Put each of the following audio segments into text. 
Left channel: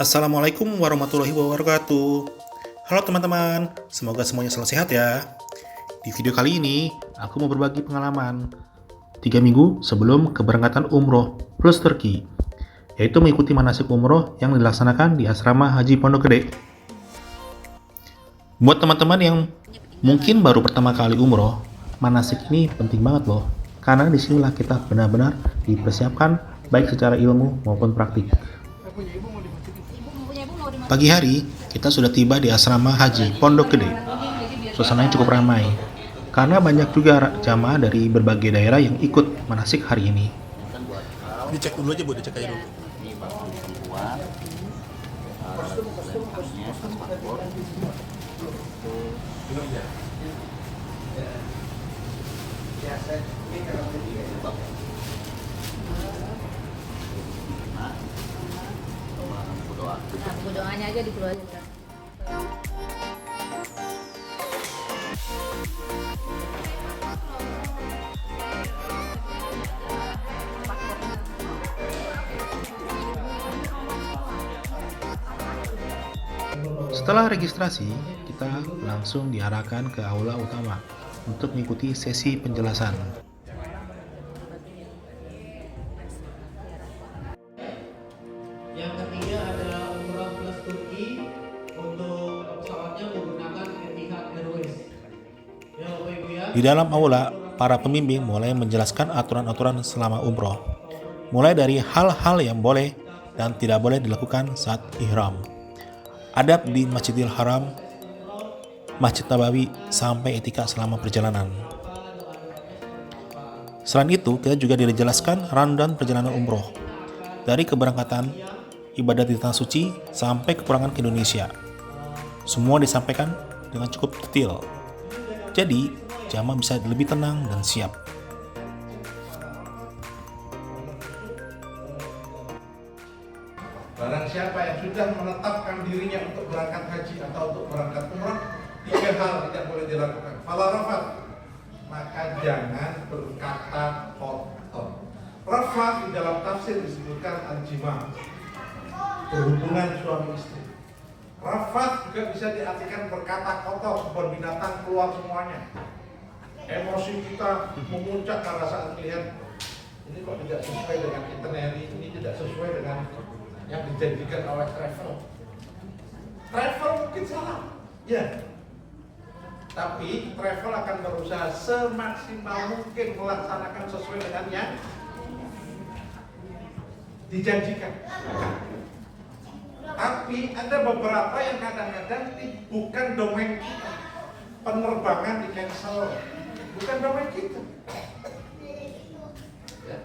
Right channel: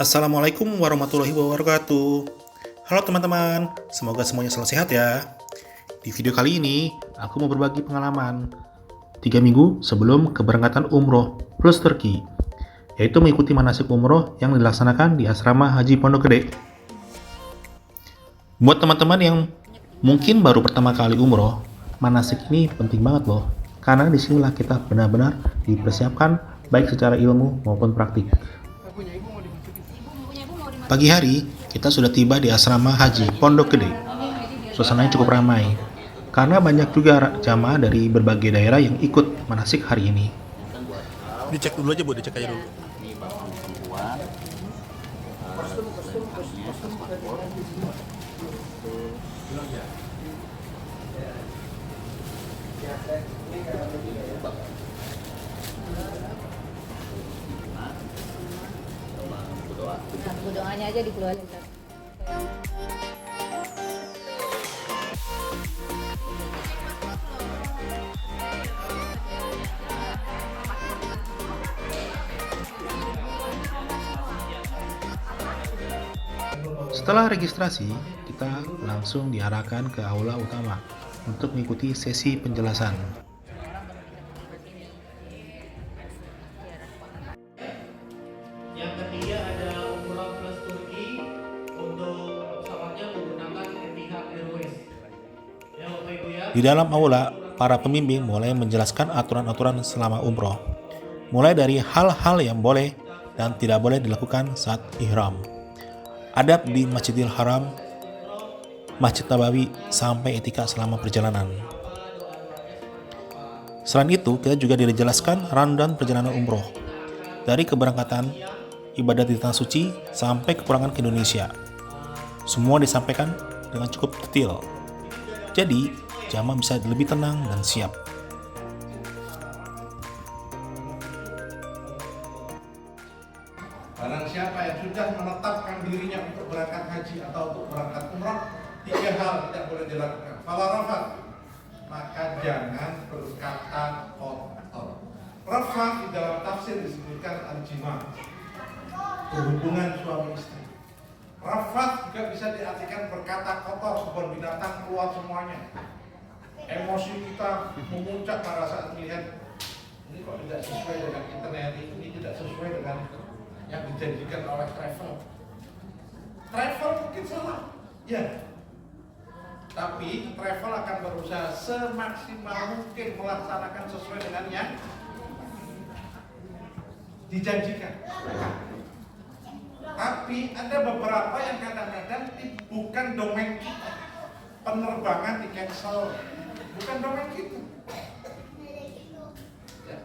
Assalamualaikum warahmatullahi wabarakatuh. Halo teman-teman, semoga semuanya selalu sehat ya. Di video kali ini, aku mau berbagi pengalaman 3 minggu sebelum keberangkatan umroh plus Turki, yaitu mengikuti manasik umroh yang dilaksanakan di asrama Haji Pondok Gede. Buat teman-teman yang mungkin baru pertama kali umroh, manasik ini penting banget loh, karena disinilah kita benar-benar dipersiapkan baik secara ilmu maupun praktik. Pagi hari, kita sudah tiba di asrama Haji Pondok Gede. Suasananya cukup ramai, karena banyak juga jamaah dari berbagai daerah yang ikut manasik hari ini. Dicek dulu aja Bu, dicek aja dulu. Ini bapak perempuan dalam dokumennya paspor sama buku doa. Nah, buku doanya aja dikeluarin. Setelah registrasi, kita langsung diarahkan ke aula utama untuk mengikuti sesi penjelasan. Yang ketiga adalah umrah plus Turki untuk pesawatnya menggunakan Etihad Airways. Ya Bapak Ibu ya. Di dalam aula, para pembimbing mulai menjelaskan aturan-aturan selama umroh, mulai dari hal-hal yang boleh dan tidak boleh dilakukan saat ihram, adab di Masjidil Haram, Masjid Nabawi, sampai etika selama perjalanan. Selain itu, kita juga dijelaskan rundown perjalanan umroh, dari keberangkatan, ibadat di Tanah Suci, sampai kepulangan ke Indonesia. Semua disampaikan dengan cukup detail. Jadi, jamaah bisa lebih tenang dan siap. Barang siapa yang sudah menetapkan dirinya untuk berangkat haji atau untuk berangkat umrah, 3 hal tidak boleh dilakukan. Fala rafat, maka jangan berkata kotor. Rafat di dalam tafsir disebutkan al-jima, berhubungan suami istri. Rafat juga bisa diartikan berkata kotor, kebun binatang keluar semuanya. Emosi kita memuncak karena saat melihat ini kok tidak sesuai dengan itinerary, ini tidak sesuai dengan yang dijanjikan oleh travel. Travel mungkin salah, ya. Tapi travel akan berusaha semaksimal mungkin melaksanakan sesuai dengan yang dijanjikan. Tapi ada beberapa yang kadang-kadang bukan domain kita. Penerbangan di cancel, bukan domain kita. Ya.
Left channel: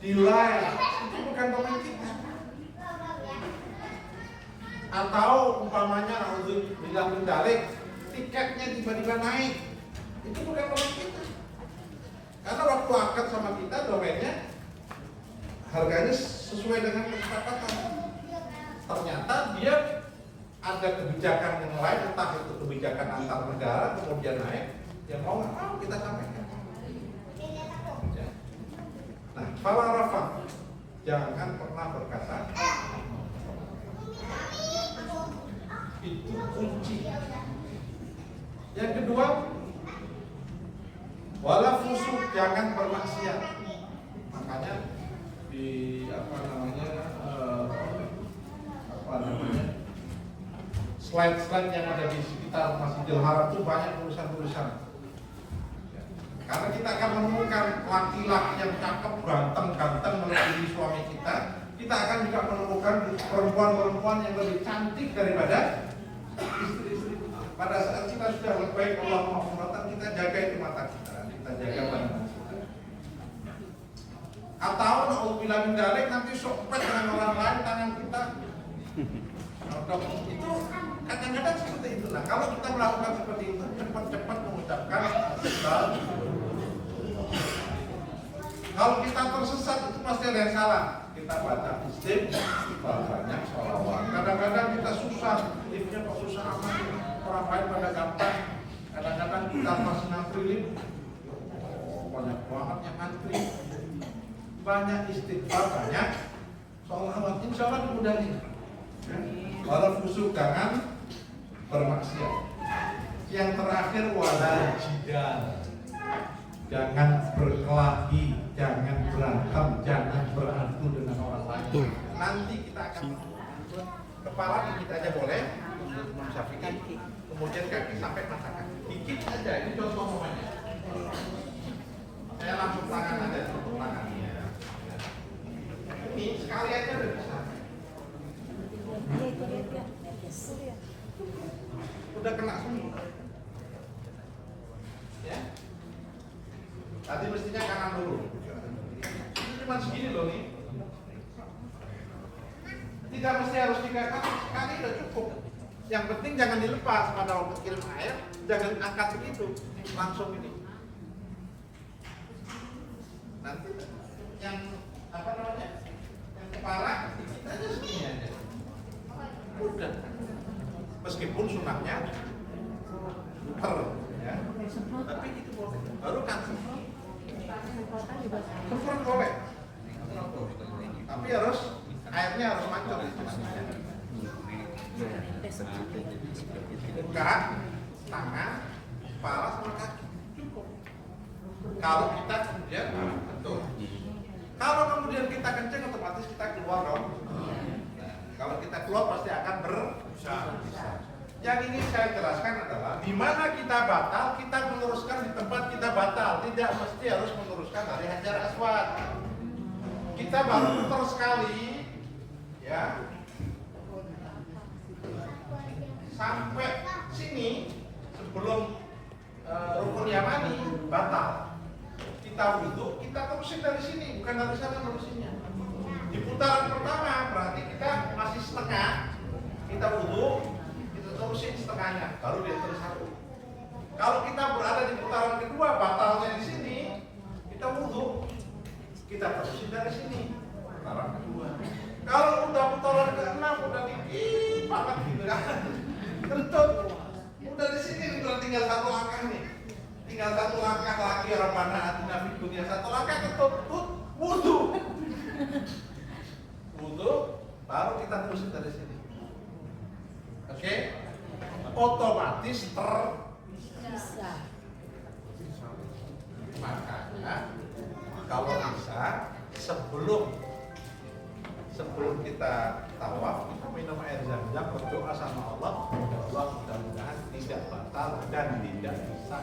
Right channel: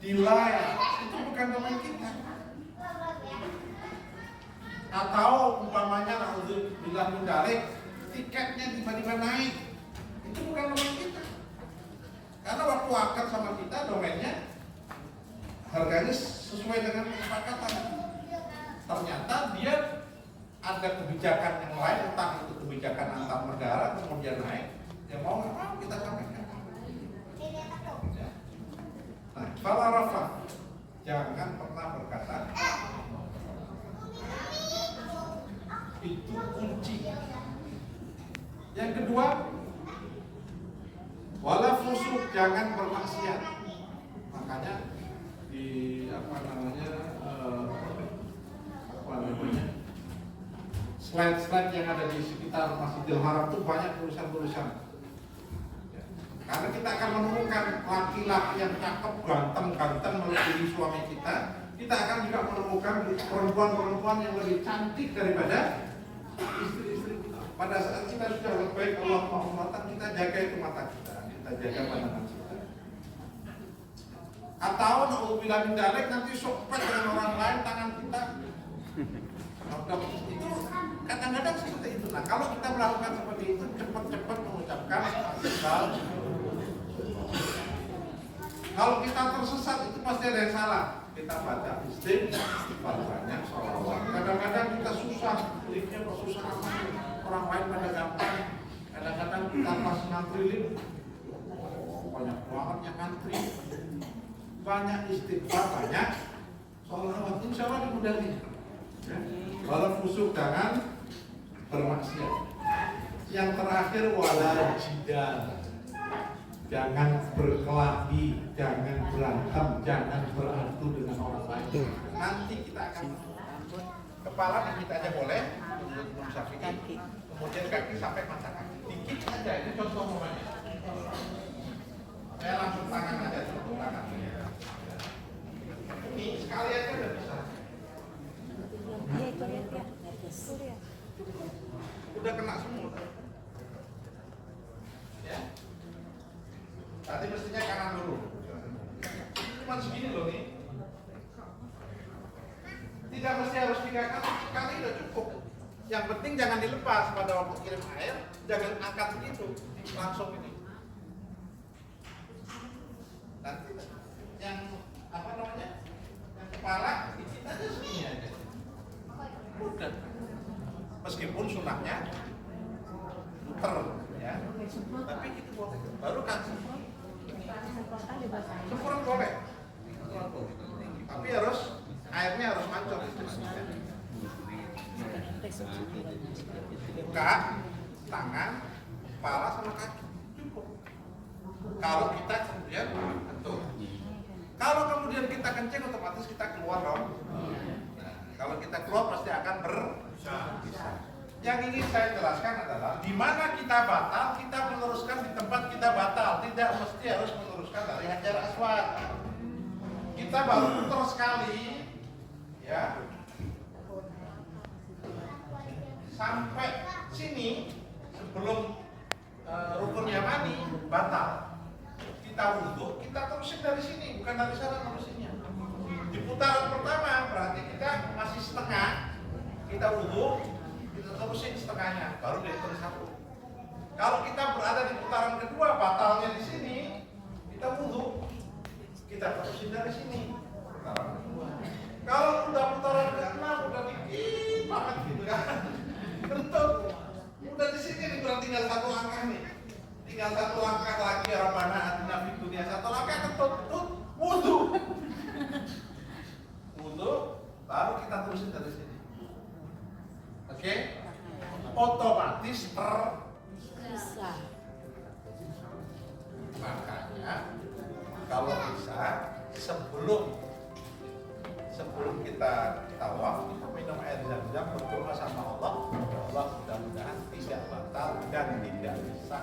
Delay, itu bukan domain kita. Atau umpamanya alhamdulillah mendarik, tiketnya tiba-tiba naik, itu bukan domain kita. Karena waktu akad sama kita domainnya harganya sesuai dengan kesepakatan. Ternyata dia ada kebijakan yang lain, entah itu kebijakan antar negara kemudian naik, ya mau nggak mau kita sampaikan. Nah, fala rafat, jangan pernah berkata itu kunci. Yang kedua, wala fusuk, jangan bermaksiat. Makanya di slide-slide yang ada di sekitar Masjidil Haram itu banyak tulisan-tulisan. Karena kita akan menemukan laki-laki yang cakep, ganteng melebihi suami kita. Kita akan juga menemukan perempuan-perempuan yang lebih cantik daripada istri-istri kita. Pada saat kita sudah berbaik Allah Muhammad, kita jaga itu mata kita, kita jaga pandangan kita. Atau na'udzubillah min dzalik, nanti sopet dengan orang lain tangan kita. Itu kadang-kadang seperti itu. Nah, kalau kita melakukan seperti itu, cepat-cepat mengucapkan sesal. Kalau kita tersesat, itu pasti ada yang salah. Kita baca istighfar banyak, sholawat. Kadang-kadang kita susah, liftnya kok susah amat. Orang lain pada gampang. Kadang-kadang kita pas ngantri lift, banyak banget yang ngantri. Banyak istighfar, banyak sholawat. Insya Allah dimudahin. Wala fusuk, jangan bermaksiat. Yang terakhir wala jidal, jangan berkelahi, jangan berantem, jangan beradu dengan orang lain. Nanti kita akan kepala dikit aja boleh untuk Imam Syafi'i, kemudian kaki sampai mata kaki. Dikit aja, ini contoh momennya. Saya langsung tangan aja, contoh tangan. Ini sekali aja udah bisa. Udah kena semua. Ya. Tadi mestinya kanan dulu. Cuma segini loh nih. Tidak mesti harus 3 kali, sekali udah cukup. Yang penting jangan dilepas pada waktu kirim air, jangan angkat begitu, langsung ini. Nanti yang apa namanya? Yang kepala dikit aja segini aja. Udah. Meskipun sunahnya muter ya. Tapi itu boleh. Baru kan semprot boleh. Tapi harus airnya harus mancur di sini. Muka, tangan, kepala sama kaki cukup. Kalau kita kemudian betul. Kalau kemudian kita kencing otomatis kita keluar dong. Nah, kalau kita keluar pasti akan berbisa. Yang ingin saya jelaskan adalah di mana kita batal, kita meluruskan di tempat kita batal. Tidak mesti harus meluruskan dari Hajar Aswad. Kita baru putar sekali, ya, sampai sini sebelum rukun Yamani batal. Kita wudhu, kita terusin dari sini, bukan dari sana terusinnya. Di putaran pertama berarti kita masih setengah, kita wudhu, kita terusin setengahnya, baru dia terus satu. Kalau kita berada di putaran kedua, batalnya di sini, kita wudhu, kita terusin dari sini, putaran kedua. Kalau udah putaran ke-6, udah dikit banget gitu kan, kentut, udah di sini udah tinggal satu langkah nih. Tinggal satu langkah lagi Rabbana atina fid dunya, satu langkah ketut wudu. Wudu baru kita terusin dari sini. Oke? Otomatis Bisa. makanya kalau bisa sebelum kita tawaf kita minum air zam-zam, berdoa sama Allah, ya Allah mudah-mudahan tidak batal dan tidak bisa.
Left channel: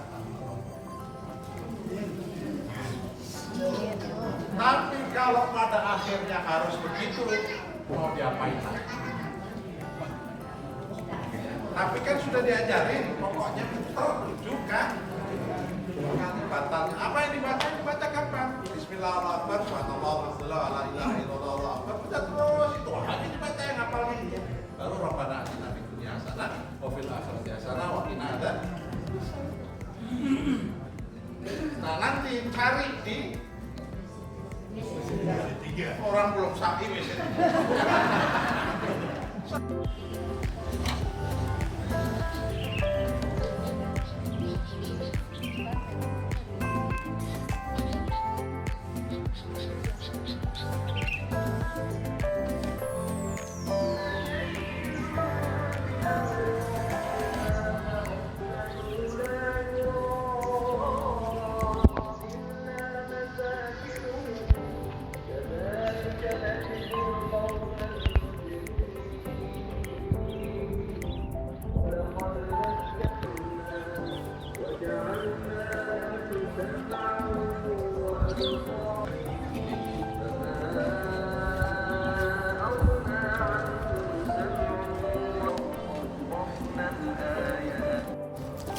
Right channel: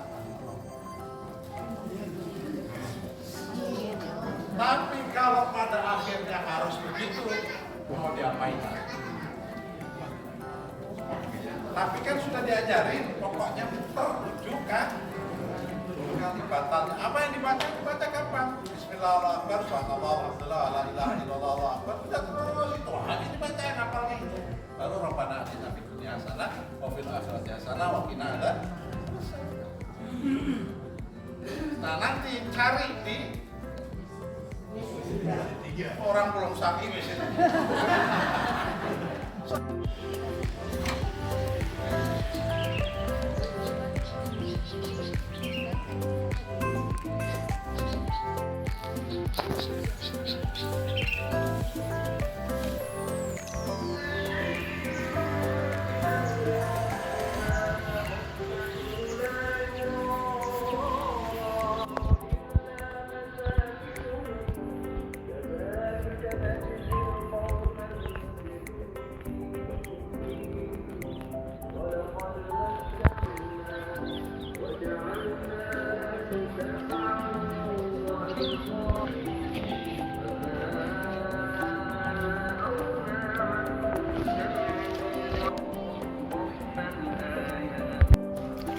Tapi kalau pada akhirnya harus begitu, mau diapain lagi? Tapi kan sudah diajarin, pokoknya tertuju kan? Bukan batalnya. Apa yang dibaca kapan? Bismillahirrahmanirrahim. Subhanallah, alhamdulillah, la ilaha illallah, Allahu akbar. Udah terus itu aja dibaca yang hafalnya. Baru Rabbana atina fid dunya hasanah wa fil akhirati hasanah wa qina adzaban. Nah, nanti cari di orang belum sakit misalnya.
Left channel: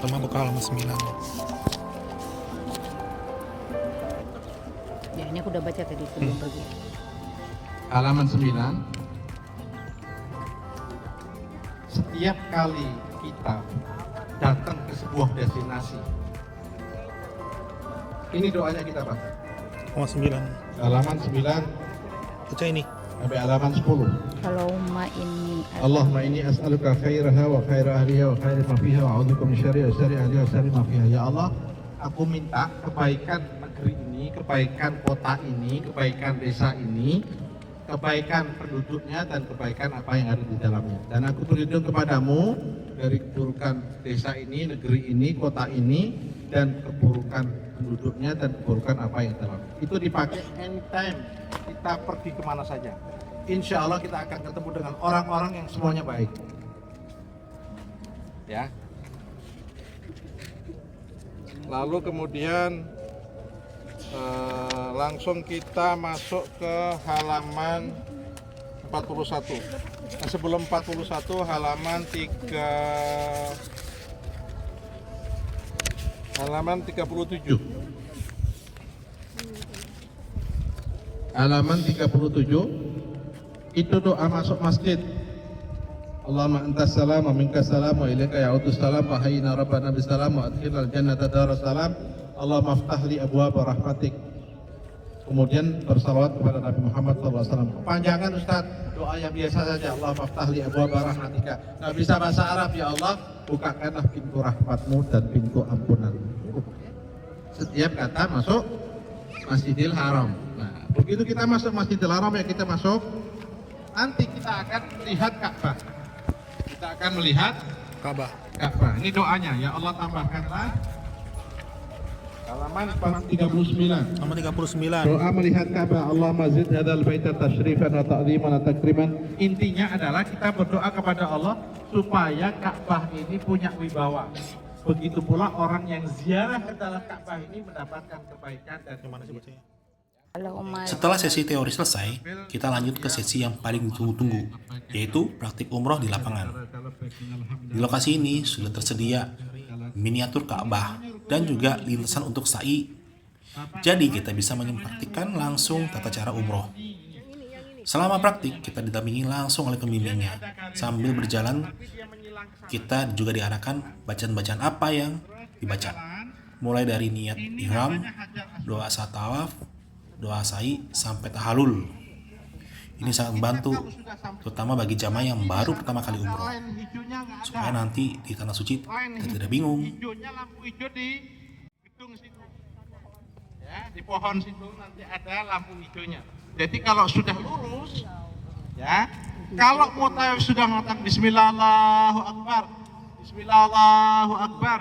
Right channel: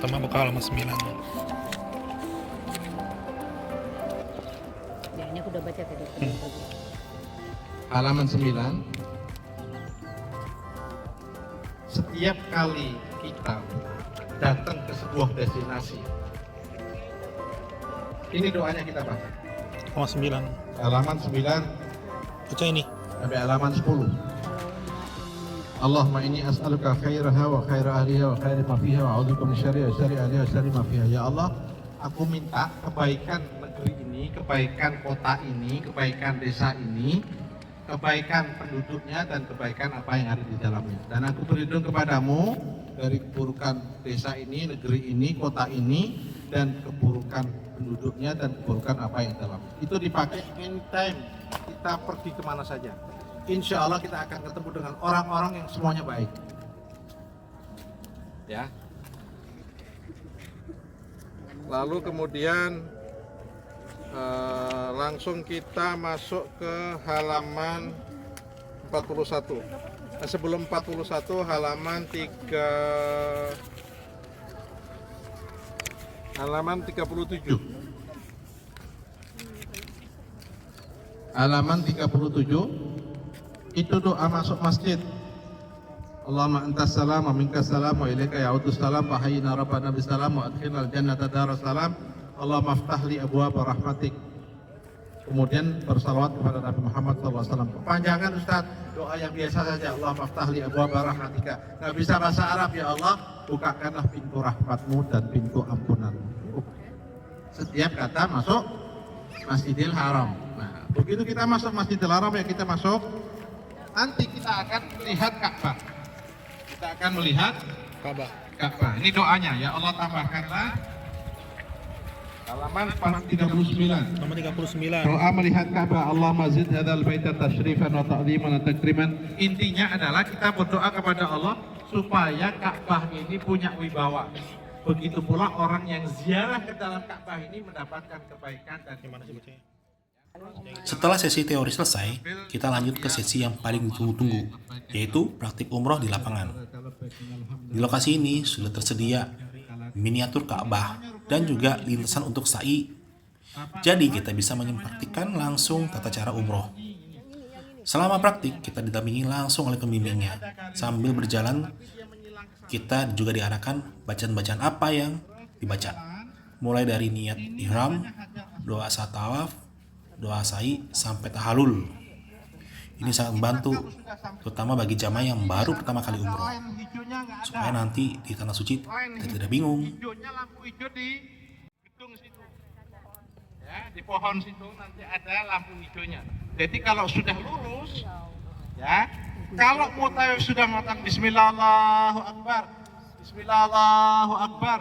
Sama buka halaman 9. Ya, ini aku udah baca tadi sebelum pergi. Halaman 9. Setiap kali kita datang ke sebuah destinasi, ini doanya kita baca. Halaman 9. Halaman 9 Baca ini. sampai halaman 10. Allahumma inni Allahumma inni as'aluka khairaha wa khaira ahliha wa khaira ma fiha wa a'udzubika min syarriha wa syarri ahliha wa syarri ma fiha. Ya Allah, aku minta kebaikan negeri ini, kebaikan kota ini, kebaikan desa ini, kebaikan penduduknya dan kebaikan apa yang ada di dalamnya. Dan aku berlindung kepadamu dari keburukan desa ini, negeri ini, kota ini, dan keburukan penduduknya dan keburukan apa yang dalam. Itu dipakai anytime kita pergi kemana saja. Insya Allah kita akan ketemu dengan orang-orang yang semuanya baik. Ya. Lalu kemudian langsung kita masuk ke halaman 41. Nah, sebelum 41 halaman 37. Halaman 37 itu doa masuk masjid. Allahumma antas salam wa minkas salam wa ilaika ya'udus salam wa hayyina rabbana bisalam wa adkhilnal jannata daras salam. Allahumma aftah li abwaaba rahmatik. Kemudian bersalawat kepada Nabi Muhammad SAW. Kepanjangan Ustaz, doa yang biasa saja. Allahumma aftah li abwaaba rahmatika. Nggak bisa bahasa Arab, ya Allah, bukakanlah pintu rahmatmu dan pintu ampunanmu. Setiap kata masuk Masjidil Haram. Nah, begitu kita masuk Masjidil Haram, ya kita masuk. Nanti kita akan melihat Ka'bah. Kita akan melihat Ka'bah. Ini doanya, ya Allah tambahkanlah halaman 39. Nomor 39. Doa melihat Ka'bah. Allahumma zid hadzal baita tasyrifan wa ta'ziman wa takriman. Intinya adalah kita berdoa kepada Allah supaya Ka'bah ini punya wibawa. Begitu pula orang yang ziarah ke dalam Ka'bah ini mendapatkan kebaikan dan kemanfaatan. Setelah sesi teori selesai, kita lanjut ke sesi yang paling ditunggu-tunggu, yaitu praktik umroh di lapangan. Di lokasi ini sudah tersedia miniatur Ka'bah dan juga lintasan untuk sa'i. Jadi kita bisa mempraktikkan langsung tata cara umroh. Selama praktik, kita didampingi langsung oleh pembimbingnya. Sambil berjalan, kita juga diarahkan bacaan-bacaan apa yang dibaca. Mulai dari niat ihram, doa saat tawaf, doa sa'i, sampai tahalul. Ini sangat membantu, terutama bagi jamaah yang baru pertama kali umroh, supaya nanti di tanah suci kita tidak bingung. Hijaunya lampu hijau di gedung situ, ya, di pohon situ nanti ada lampu hijaunya. Jadi kalau sudah lurus, ya, kalau mau tawaf sudah mengatakan Bismillah Allahu Akbar, Bismillah Allahu Akbar,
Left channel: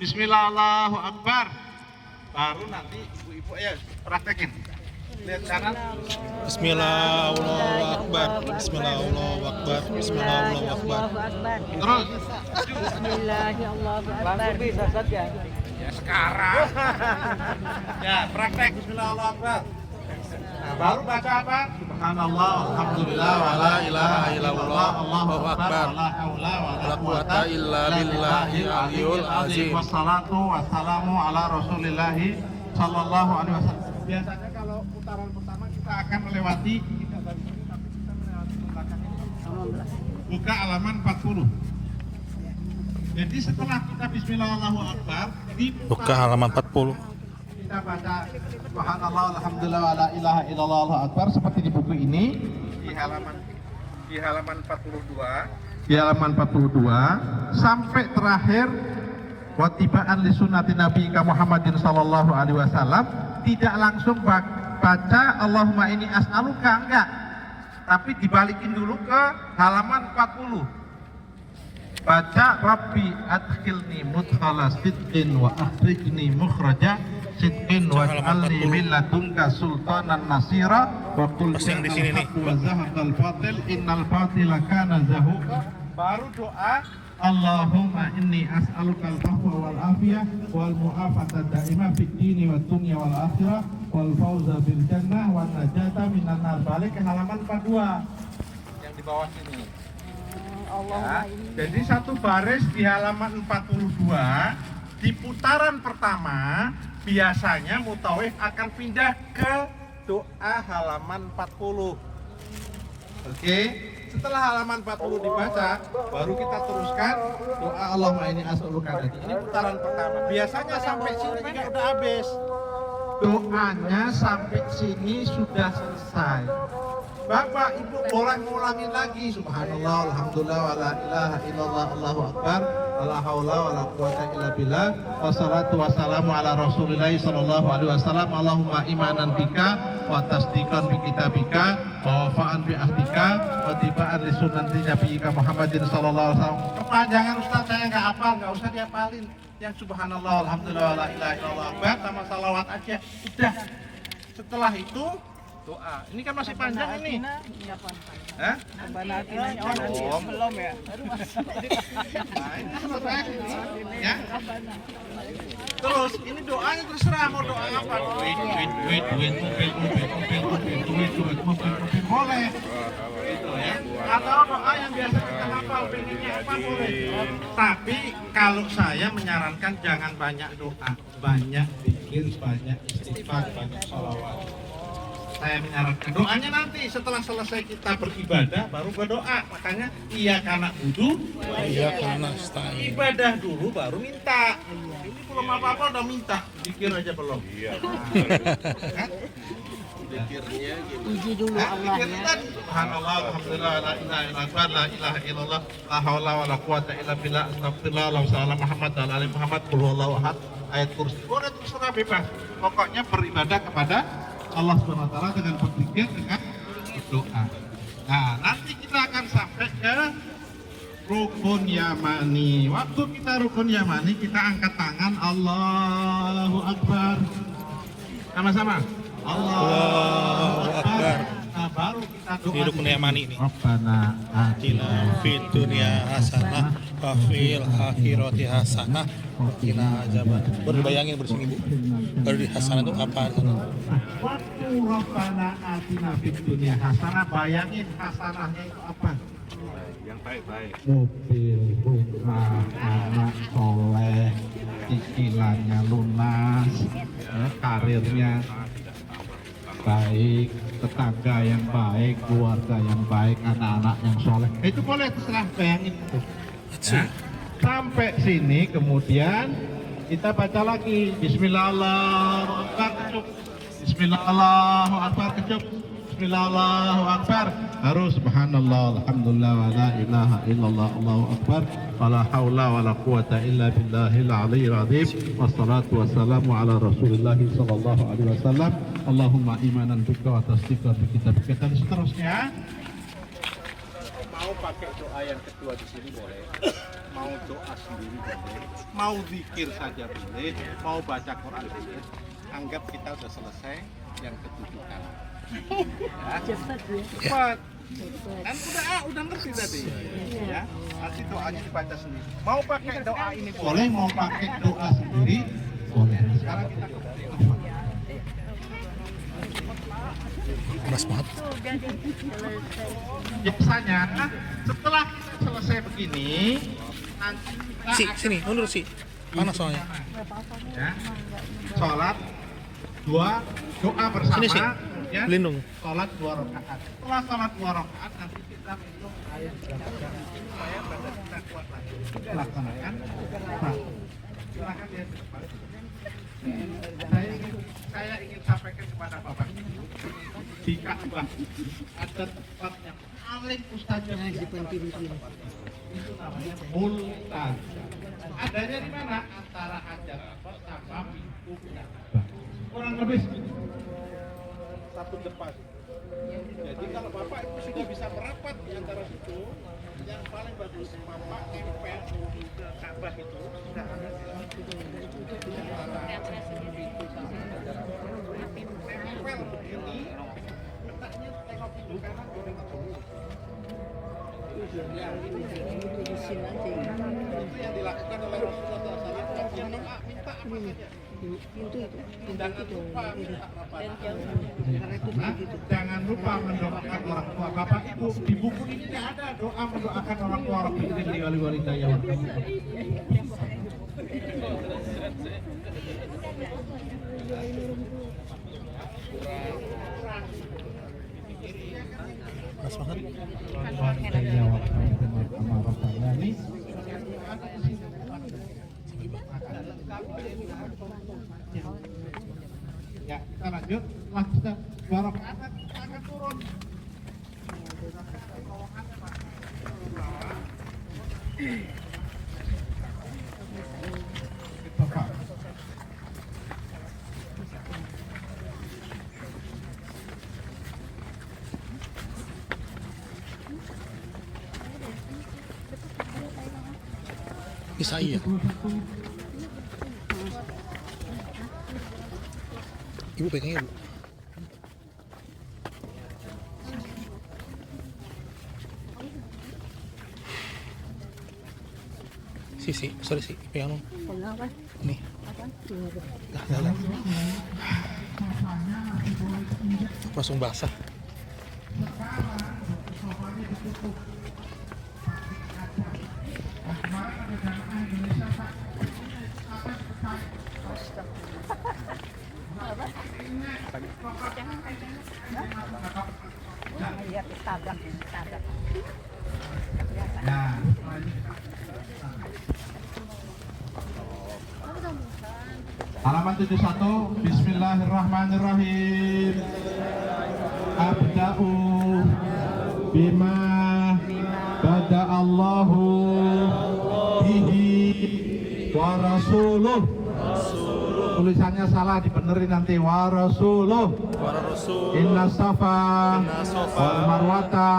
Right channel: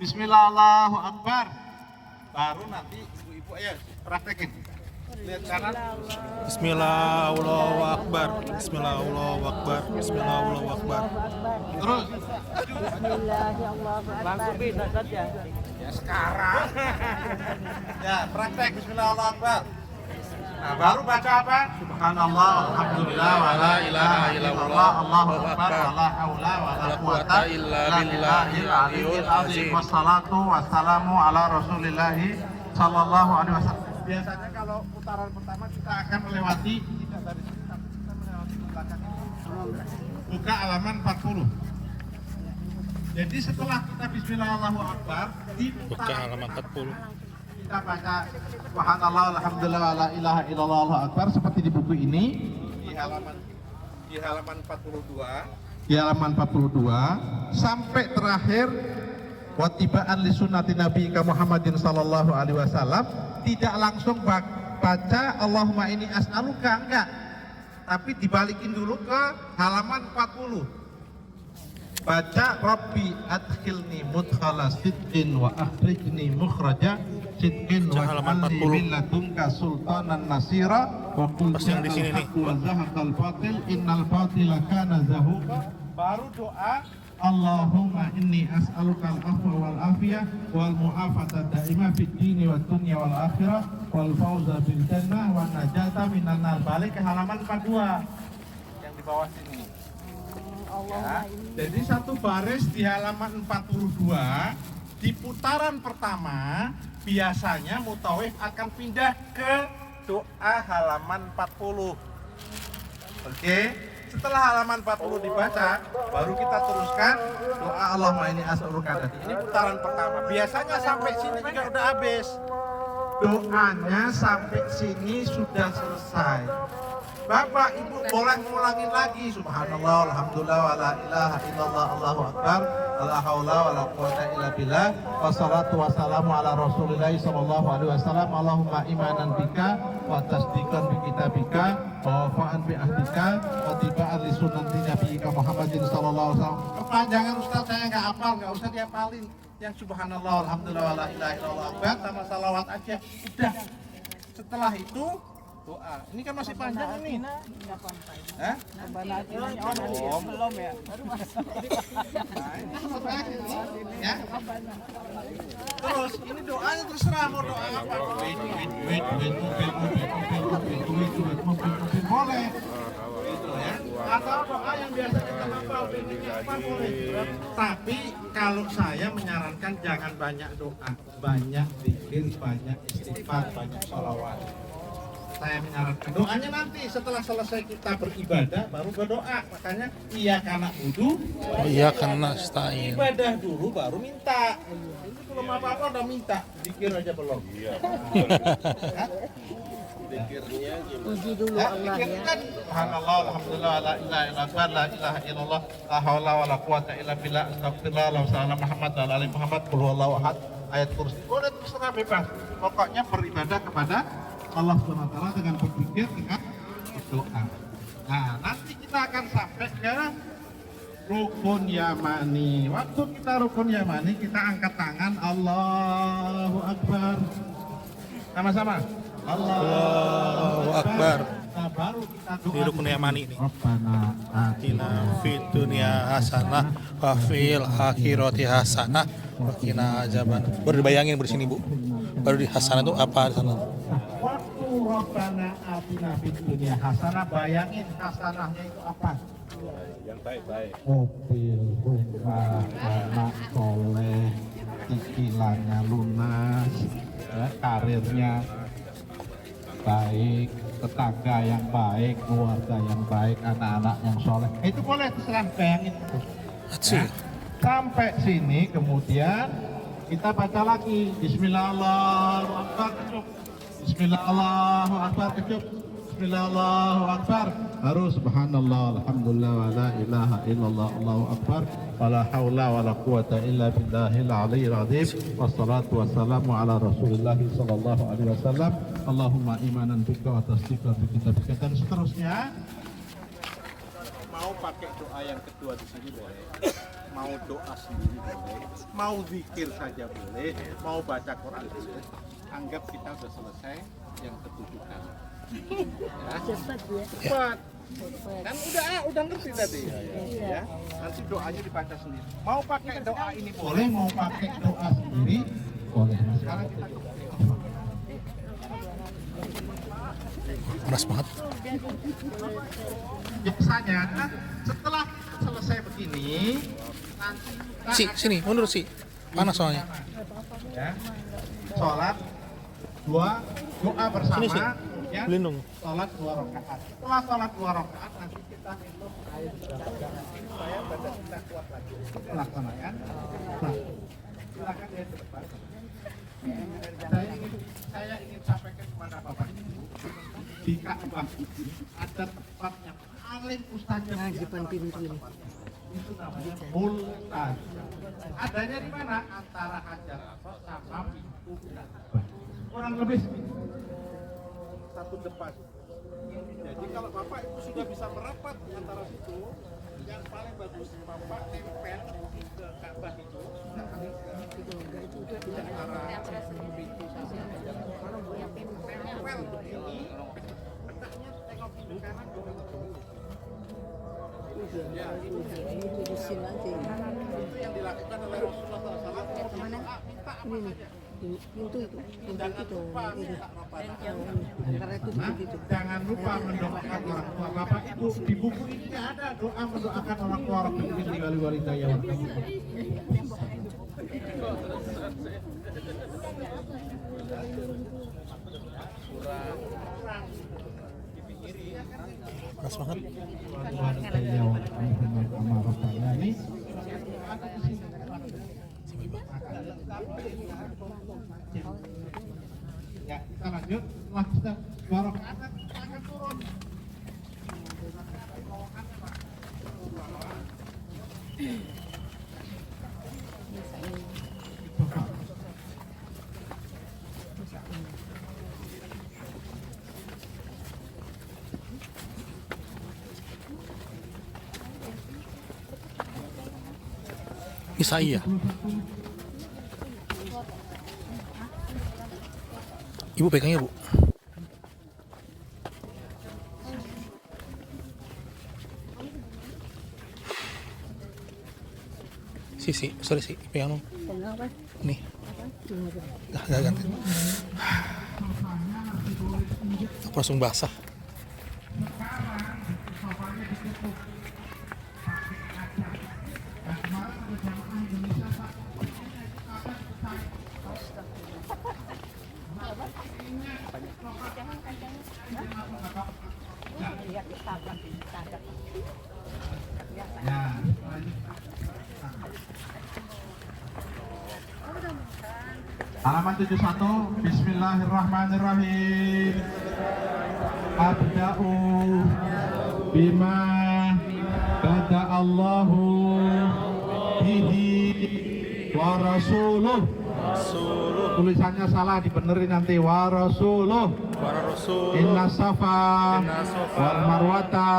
Bismillah Allahu Akbar, baru nanti ibu-ibu ya praktekin. Lihat kanan. Bismillah, Allahu Akbar. Bismillah, Allahu Akbar. Bismillah, Allahu Akbar. Terus. Bismillah, Allahu Akbar. Ya sekarang. Ya praktek Bismillah Allahu Akbar. Nah, baru baca apa? Subhanallah, alhamdulillah, wa la ilaha illallah, Allahu akbar, la haula wa la quwata illa billahil aliyul azim. Wassalatu wassalamu ala Rasulillahi sallallahu alaihi wasallam. Biasanya kalau putaran pertama kita akan melewati buka halaman 40. Jadi setelah kita Bismillah Allahu Akbar, Buka halaman 40. kita baca Subhanallah, alhamdulillah, wa la ilaha illallah, Allahu akbar seperti di buku ini di halaman 42. Di halaman 42 sampai terakhir watibaan li sunnati Nabi Muhammadin sallallahu alaihi wasallam, tidak langsung baca Allahumma ini as'aluka, enggak. Tapi dibalikin dulu ke halaman 40. Baca Rabbi adkhilni mudkhala sidqin wa akhrijni mukhraja sidqin wa ij'alni min ladunka sultanan nasira wa qul Yang di sini nih. wa zahaqal batil innal batila kana zahuqa. Baru doa Allahumma inni as'aluka al-afwa wal afiyah wal mu'afata daimah fid dini wad dunya wal akhirah wal fawza bil jannah wan najata minan nar. Balik ke halaman 42 yang di bawah sini. Ya, jadi satu baris di halaman 42 di putaran pertama biasanya mutawif akan pindah ke doa halaman 40. Oke, setelah halaman 40 dibaca baru kita teruskan doa Allahumma inni as'aluka. Ini putaran pertama. Biasanya sampai sini juga udah habis. Doanya sampai sini sudah selesai. Bapak Ibu boleh ngulangin lagi. Subhanallah, alhamdulillah, wa la ilaha illallah, Allahu akbar, la haula wa la quwata illa billah, wassalatu wassalamu ala Rasulillah sallallahu alaihi wasallam. Allahumma imanan bika wa tasdiqan bi kitabika wa wafa'an bi ahdika wa tiba'an li sunnati nabiyyika Muhammadin sallallahu alaihi wasallam. Kepanjangan Ustaz saya enggak hafal, enggak usah dihafalin. Yang subhanallah, alhamdulillah, wa la ilaha illallah akbar sama salawat aja. Udah. Setelah itu doa. Ini kan masih panjang ini. Hah? Belum ya. Nah, ini selesai ini. Ya. Terus ini doanya terserah mau doa apa. Duit, boleh. Gitu ya. Atau doa yang biasa kita hafal pengennya apa boleh. Tapi kalau saya menyarankan jangan banyak doa, banyak zikir, banyak istighfar, banyak sholawat. Saya menyarankan doanya nanti setelah selesai kita beribadah baru berdoa. Makanya iya karena wudu, Iya karena nasta'in. ibadah dulu baru minta. Ini belum apa-apa udah minta, zikir aja belum. Iya. Puji dulu Allah ya. Subhanallah, alhamdulillah, la ilaha illallah, la ilaha illallah, la haula wa la quwata illa billah, astagfirullah, wa sallallahu Muhammad wa ali Muhammad, qul huwallahu ahad, ayat kursi. Boleh terserah bebas. Pokoknya beribadah kepada Allah SWT dengan berzikir, dengan berdoa. Nah, nanti kita akan sampai ke rukun yamani. Waktu kita rukun yamani, kita angkat tangan, Allahu Akbar. Sama-sama. Allahu Akbar. Nah, baru kita doa. Di rukun yamani ini. Rabbana Atina fid dunya hasanah wa fil akhirati hasanah wa qina azaban. Baru dibayangin bersini Bu. Baru di hasanah itu apa sana? Waktu Rabbana atina fid dunya hasanah, bayangin hasanahnya itu apa? Yang baik-baik. Mobil, rumah, anak soleh, cicilannya lunas, ya, karirnya baik, tetangga yang baik, keluarga yang baik, anak-anak yang soleh. Itu boleh terserah, bayangin itu. Nah, sampai sini kemudian kita baca lagi Bismillahirrahmanirrahim kecup. Bismillahirrahmanirrahim kecup. Bismillahirrahmanirrahim. Harus subhanallah, alhamdulillah, wa la ilaha illallah, Allahu akbar, wa la haula wa la quwata illa billahil aliyyil azim. Wassalatu wassalamu ala Rasulillah sallallahu alaihi wasallam. Allahumma imanan bika wa tasdiqan bi kitabika, dan seterusnya. Mau pakai doa yang kedua di sini boleh. Mau doa sendiri boleh, mau zikir saja boleh, mau baca Quran boleh. Anggap kita sudah selesai yang ketujukan. Ya. Cepat ya. Cepat. Kan udah ngerti tadi. Ya. Nanti doanya dibaca sendiri. Mau pakai doa ini boleh, mau pakai doa sendiri boleh. Sekarang kita ke Panas banget. biasanya setelah kita selesai begini, nanti kita Sini, mundur sih. Panas soalnya. ya, sholat dua, doa bersama, Sini, sih. kemudian Lindung. sholat 2 rakaat. Setelah sholat 2 rakaat nanti kita minum air berangkat supaya badan kita kuat lagi. Kita laksanakan. Nah, silakan lihat ke depan. Saya ingin sampaikan kepada Bapak Ibu, di Ka'bah ada tempat yang paling mustajab. Nah, depan pintu ini. Itu namanya Multan. Adanya di mana? Antara Hajar Aswad sama pintu Ka'bah. Kurang lebih satu depan. Jadi kalau Bapak Ibu sudah bisa merapat di antara situ, yang paling bagus Bapak tempel ke Ka'bah itu. Pintu sama Hajar Aswad. Tempel begini, letaknya tengok pintu kanan, boleh ya, ini Di sini aja. itu yang dilakukan oleh Rasulullah SAW. Minta apa saja. Pintu itu. Pintu Jangan itu. lupa minta apa saja. Antara itu begitu. Jangan lupa mendoakan orang tua. Bapak Ibu, di buku ini tidak ada doa mendoakan orang tua Rabbi ighfirli wali walidayya warhamhuma. Panas banget. Walidayya warhamhuma. Ini ya, kita lanjut. Setelah kita 2 rakaat kita akan turun. Bisa iya. Ibu pegangnya, Bu. Si, sorry si, pegang dong. Apa? Nih. Apa? Lah. Langsung basah. Halaman 71. Bismillahirrahmanirrahim. Abda'u bima bada Allahu bihi wa rasuluh. Tulisannya salah, dibenerin nanti. Wa rasuluh. Inna safa wa marwata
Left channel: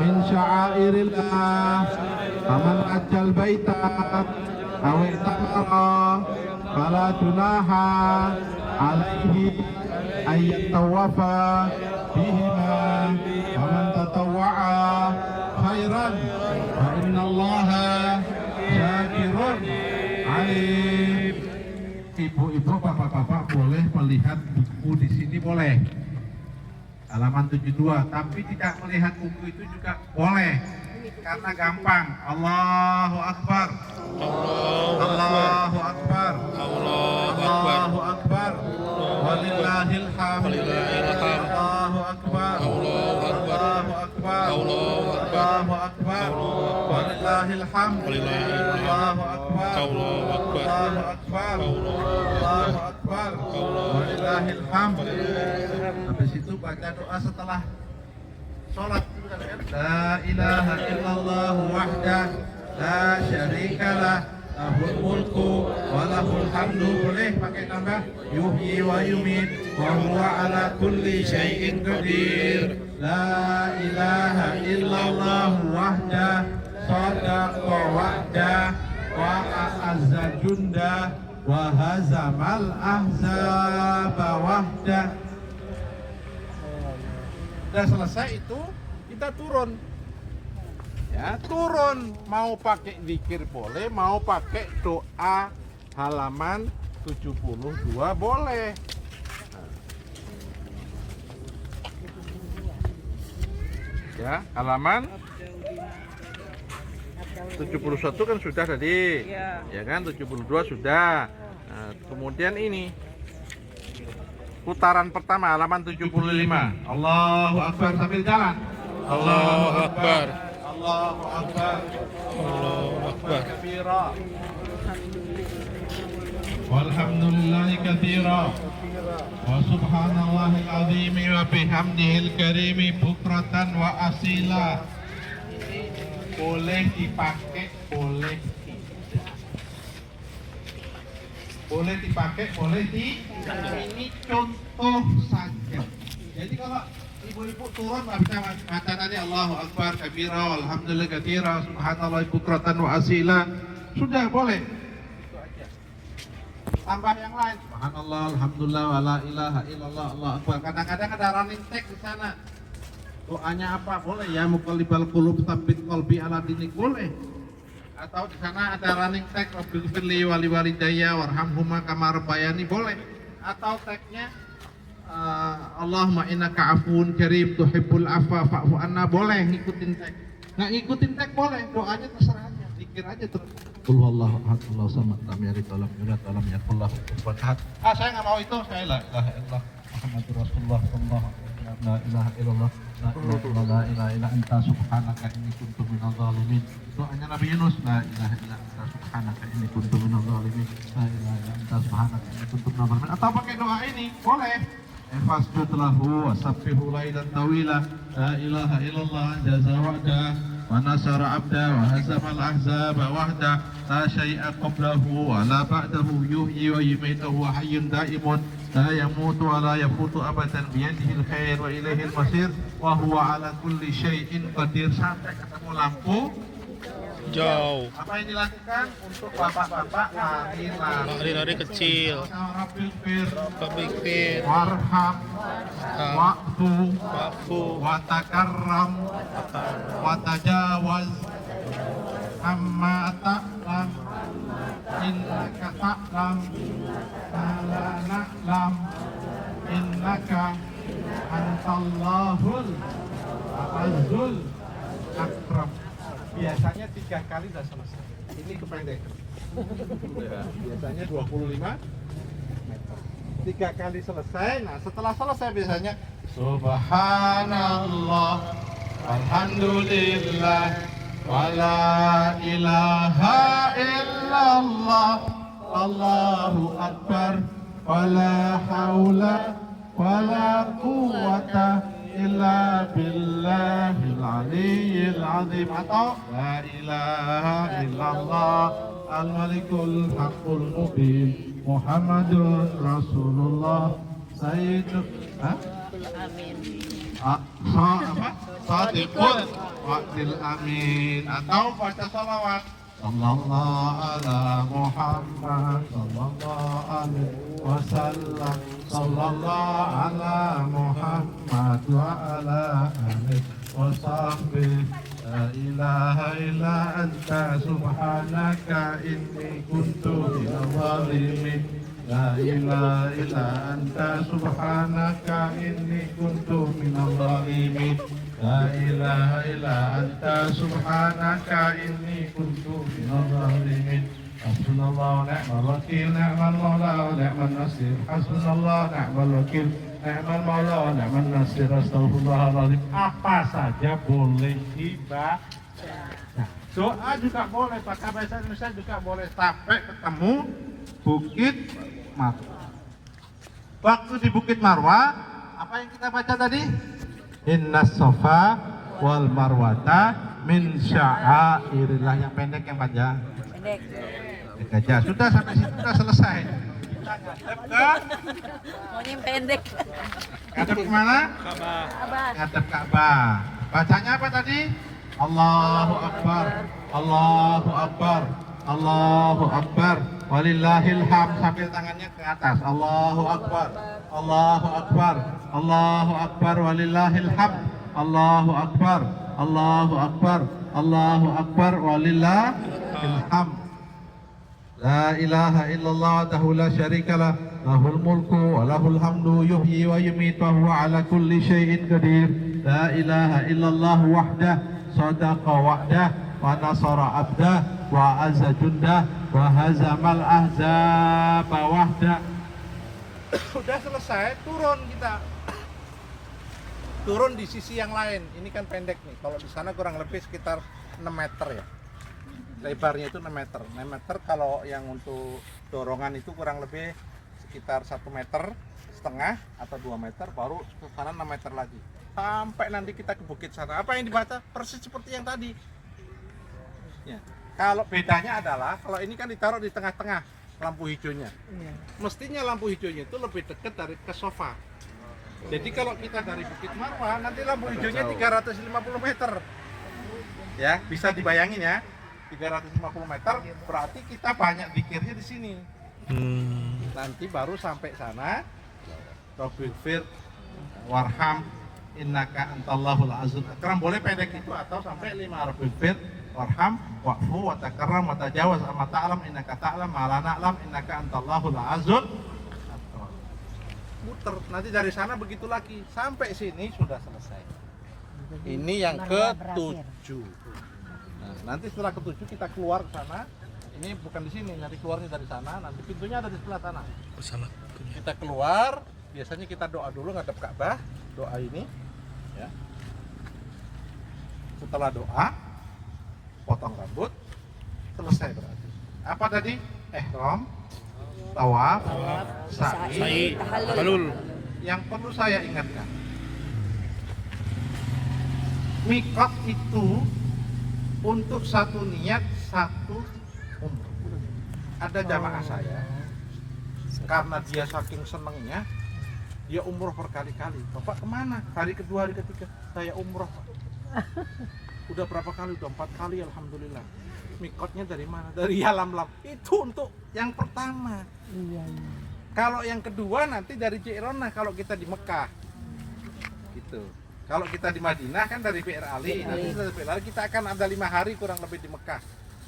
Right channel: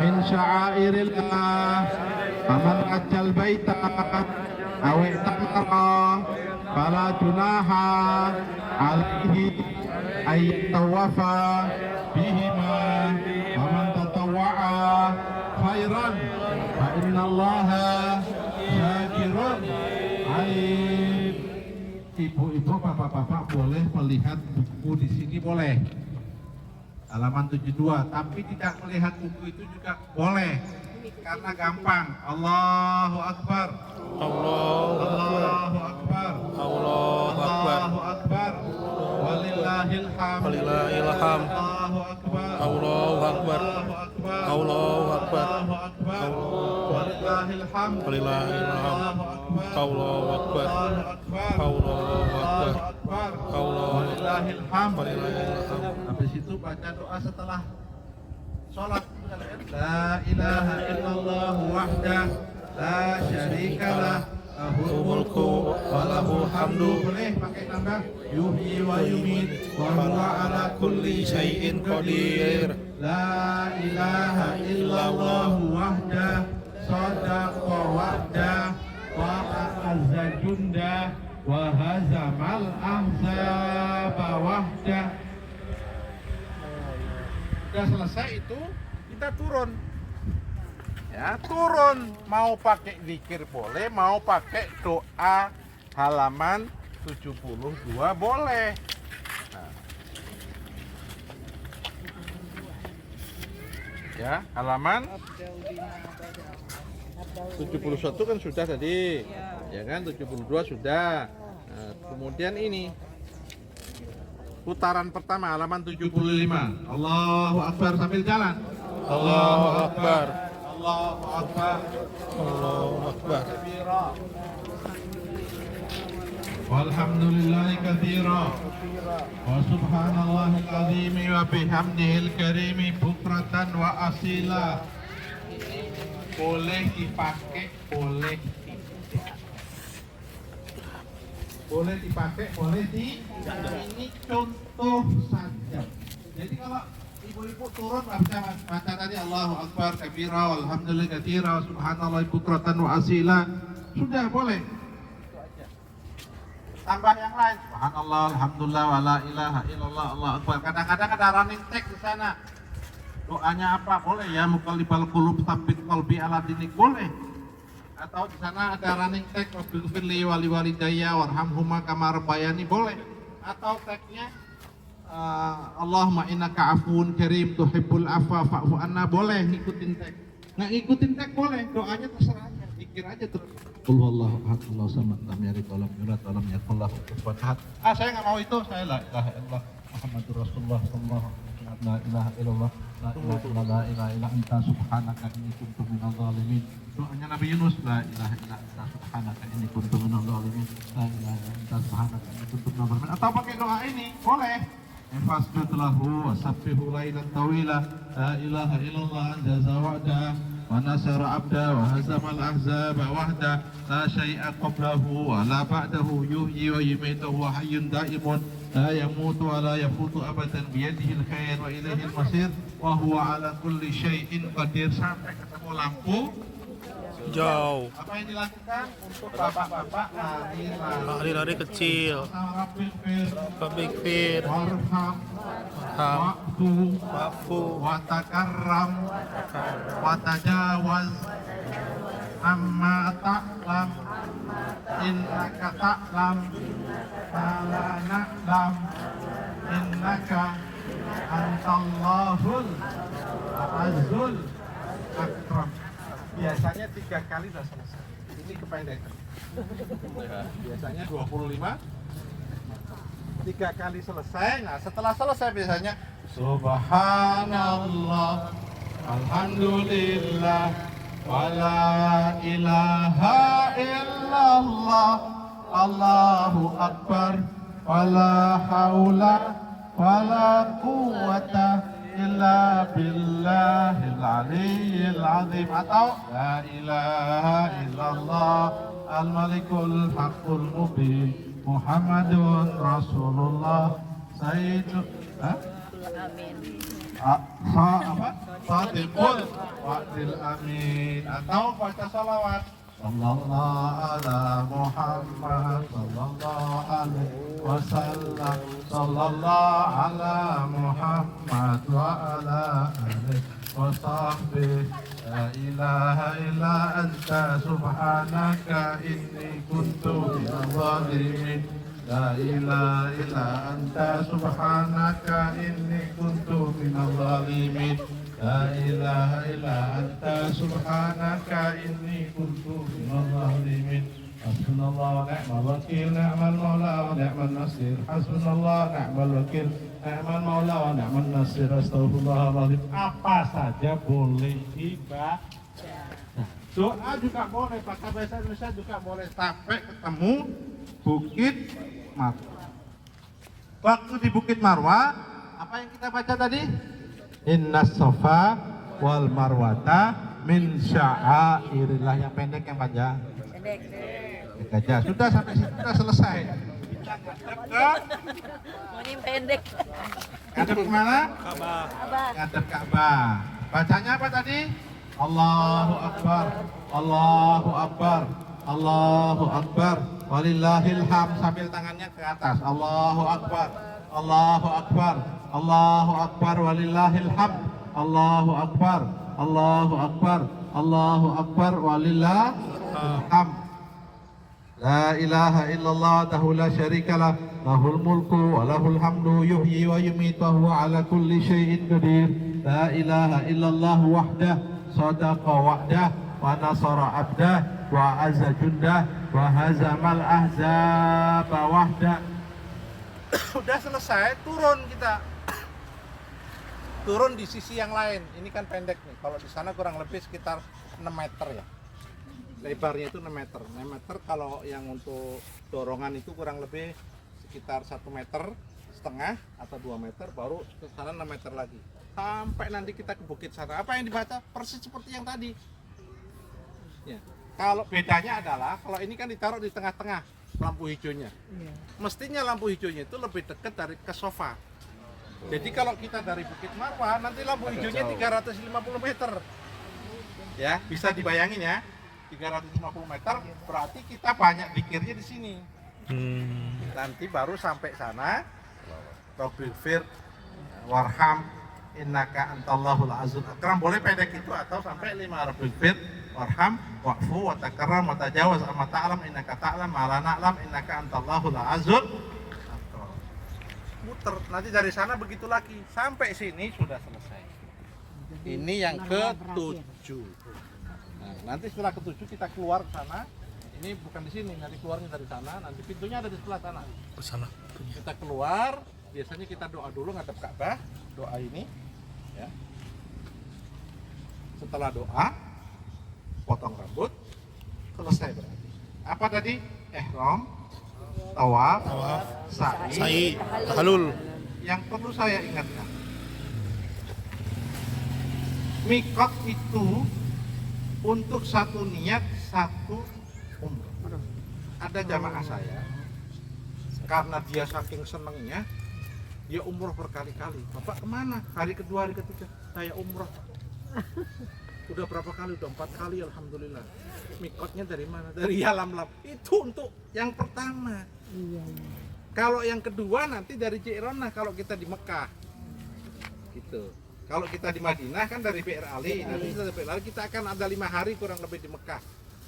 min sya'airillah. Aman ajal baita awi ta'ara fala tunaha alaihi ayyat tawafa bihima wa man tatawwa'a khairan fa innallaha syakirun alim. Ibu-ibu, bapak-bapak boleh melihat buku di sini, boleh. Halaman 72, tapi tidak melihat buku itu juga boleh. Karena gampang. Allahu Akbar. Allahu Akbar. Allahu Akbar. Walillahil hamd. Allahu Akbar. Allahu Akbar. Allahu Akbar. Walillahil hamd. Allahu Akbar. Allahu Akbar. Allahu Akbar. Walillahil hamd. Habis itu baca doa setelah sholat. La ilaha illallah wahdah la syarikalah lahul mulku wa lahul hamdu. Boleh pakai tambah yuhyi wa yumit wa huwa ala kulli syai'in qadir. La ilaha illallah wahdah sadaqa wa'dah wa a'azza jundah wa hazamal ahzaba wahdah. Sudah selesai itu, kita turun. Ya, turun. Mau pakai zikir boleh, mau pakai doa halaman 72 boleh. Ya, halaman 71 kan sudah tadi. Ya kan, 72 sudah. Nah, kemudian ini putaran pertama halaman 75. Allahu Akbar sambil jalan. Allahu Akbar. Allahu Akbar. Allahu Akbar. Kabira. Walhamdulillahi katsira. Wa subhanallahil azim wa bihamdihil karim bukratan wa asila. Ini boleh dipakai, boleh tidak. Boleh dipakai, boleh tidak. Ini contoh saja. Jadi kalau ibu-ibu turun bisa baca tadi Allahu Akbar kabira walhamdulillah katsira subhanallah bukratan wa asila. Sudah boleh. Itu aja. Tambah yang lain. Subhanallah alhamdulillah wala ilaha illallah Allahu akbar. Kadang-kadang ada running text di sana. Doanya apa? Boleh ya, muqallibal qulub tsabbit qalbi ala dinik, boleh. Atau di sana ada running text rabbighfirli wa liwalidayya warhamhuma kama rabbayani, boleh. Atau teksnya Allahumma innaka afuwun karim tuhibbul afwa fa'fu anna, boleh ngikutin teks. Nggak ngikutin teks boleh, doanya terserah aja, zikir aja terus. Qul huwallahu ahad Allahu samad lam yalid wa lam yulad wa lam yakul lahu kufuwan ahad. Saya nggak mau itu, saya la ilaha illallah Muhammadur Rasulullah sallallahu alaihi wasallam, la ilaha illallah la ilaha illa anta subhanaka inni kuntu minadh dhalimin. Doanya Nabi Yunus, la ilaha illa anta subhanaka inni kuntu minadh dhalimin, la ilaha illa anta subhanaka inni kuntu minadh dhalimin. Atau pakai doa ini boleh. Fasjud lahu wa sabbihu lailan tawila, la ilaha illallah jaza wa'da wa ونصر عبده وهزم الأحزاب وحده لا شيء قبله ولا بعده يحيي ويميت وهو حي دائم لا يموت ولا يفوت أبدا بيده الخير وإليه المصير وهو على كل شيء قدير. Sampai ketemu lampu Jauh. apa yang dilakukan untuk bapak-bapak lari-lari Lari-lari kecil. Big Fir. warham wa'fu Wafu. watakarram watajawaz amma ta'lam innaka ta'lam ma la na'lam innaka antallahul azzul akram. Biasanya 3 kali sudah selesai. Ini kependekan. Biasanya 25 meter. 3 kali selesai. Nah, setelah selesai biasanya Subhanallah, Alhamdulillah, wala ilaha illallah, Allahu Akbar, wala haula wala quwwata illa billahil aliyyil azim. Atau la ilaha illallah al-malikul haqqul mubin Muhammadun Rasulullah Sayyidul Sadiqul Wa'dil Amin. Atau baca salawat Sallallahu ala Muhammad Sallallahu alaihi wasallam Sallallahu ala Muhammad wa ala alihi wa sahbihi. La ilaha illa anta subhanaka inni kuntu minadh dhalimin. La ilaha illa anta subhanaka inni kuntu minadh dhalimin. La ilaha illa anta subhanaka inni kuntu minadh dhalimin. Hasbunallah wa ni'mal wakil, ni'mal maula wa ni'mal nasir. Hasbunallah ni'mal wakil, ni'mal maula wa ni'mal nasir. Astaghfirullahaladzim. Apa saja boleh dibaca. Doa juga boleh, pakai bahasa Indonesia juga boleh. Sampai ketemu Bukit Marwah. Waktu di Bukit Marwah, apa yang kita baca tadi? Innas Safa wal Marwata min sya'airillah. Yang pendek, yang panjang? Pendek aja. Sudah, sampai situ sudah selesai. Kita ngadep ke Mau yang pendek. ngadep kemana? Ka'bah. Ngadep Ka'bah. Bacanya apa tadi? Allahu Akbar, Allahu Akbar, Allahu Akbar, walillahil hamd. Sambil tangannya ke atas. Allahu Akbar, Allahu Akbar, Allahu Akbar, walillahil hamd. Allahu Akbar, Allahu Akbar, Allahu Akbar, walillahil hamd. La ilaha illallah wahdahu la syarika lah, lahul mulku wa lahul hamdu yuhyi wa yumiitu wa huwa ala kulli syai'in qadir. La ilaha illallah wahdah sadaqa wa'dah wa nasara abdah wa azza jundah wa hazamal ahzaba wahdah. Sudah selesai, turun kita. Turun di sisi yang lain. Ini kan pendek nih. Kalau di sana kurang lebih sekitar 6 meter ya. Lebarnya itu 6 meter. 6 meter kalau yang untuk dorongan itu kurang lebih sekitar 1,5 meter atau 2 meter, baru ke sana 6 meter lagi. Sampai nanti kita ke bukit sana. Apa yang dibaca? Persis seperti yang tadi. Ya. Kalau bedanya adalah kalau ini kan ditaruh di tengah-tengah lampu hijaunya. Mestinya lampu hijaunya itu lebih dekat dari ke sofa. Jadi kalau kita dari Bukit Marwah nanti lampu hijaunya 350 meter. Ya, bisa dibayangin ya. 350 meter berarti kita banyak zikirnya di sini. Nanti baru sampai sana Rabbighfir warham innaka antallahul azizul akram. Boleh pendek itu atau sampai 5 Rabbighfir warham wa'fu wa takarram wa tajawaz amma ta'lam innaka ta'lam ma la na'lam innaka antallahul azizul akram. Muter nanti dari sana begitu lagi sampai sini sudah selesai. Ini yang ke-7. Nah, nanti setelah ke-7 kita keluar ke sana. Ini bukan di sini, nanti keluarnya dari sana. Nanti pintunya ada di sebelah sana. Ke sana. Kita keluar, biasanya kita doa dulu ngadep Ka'bah, doa ini, ya. Setelah doa, potong rambut, selesai berarti. Apa tadi? Ihram, tawaf, sa'i, Halul. Yang perlu saya ingatkan, mikot itu untuk satu niat satu umroh. Ada jamaah saya, karena dia saking senengnya, dia umroh berkali-kali. Bapak kemana? Hari kedua, hari ketiga, saya umroh Pak. Udah berapa kali? Udah 4 kali, alhamdulillah. Mikotnya dari mana? Dari Yalamlam. Itu untuk yang pertama. Kalau yang kedua nanti dari Ji'ronah kalau kita di Mekah. Gitu. Kalau kita di Madinah kan dari PR Ali. Nanti setelah PR Ali kita akan ada 5 hari kurang lebih di Mekah.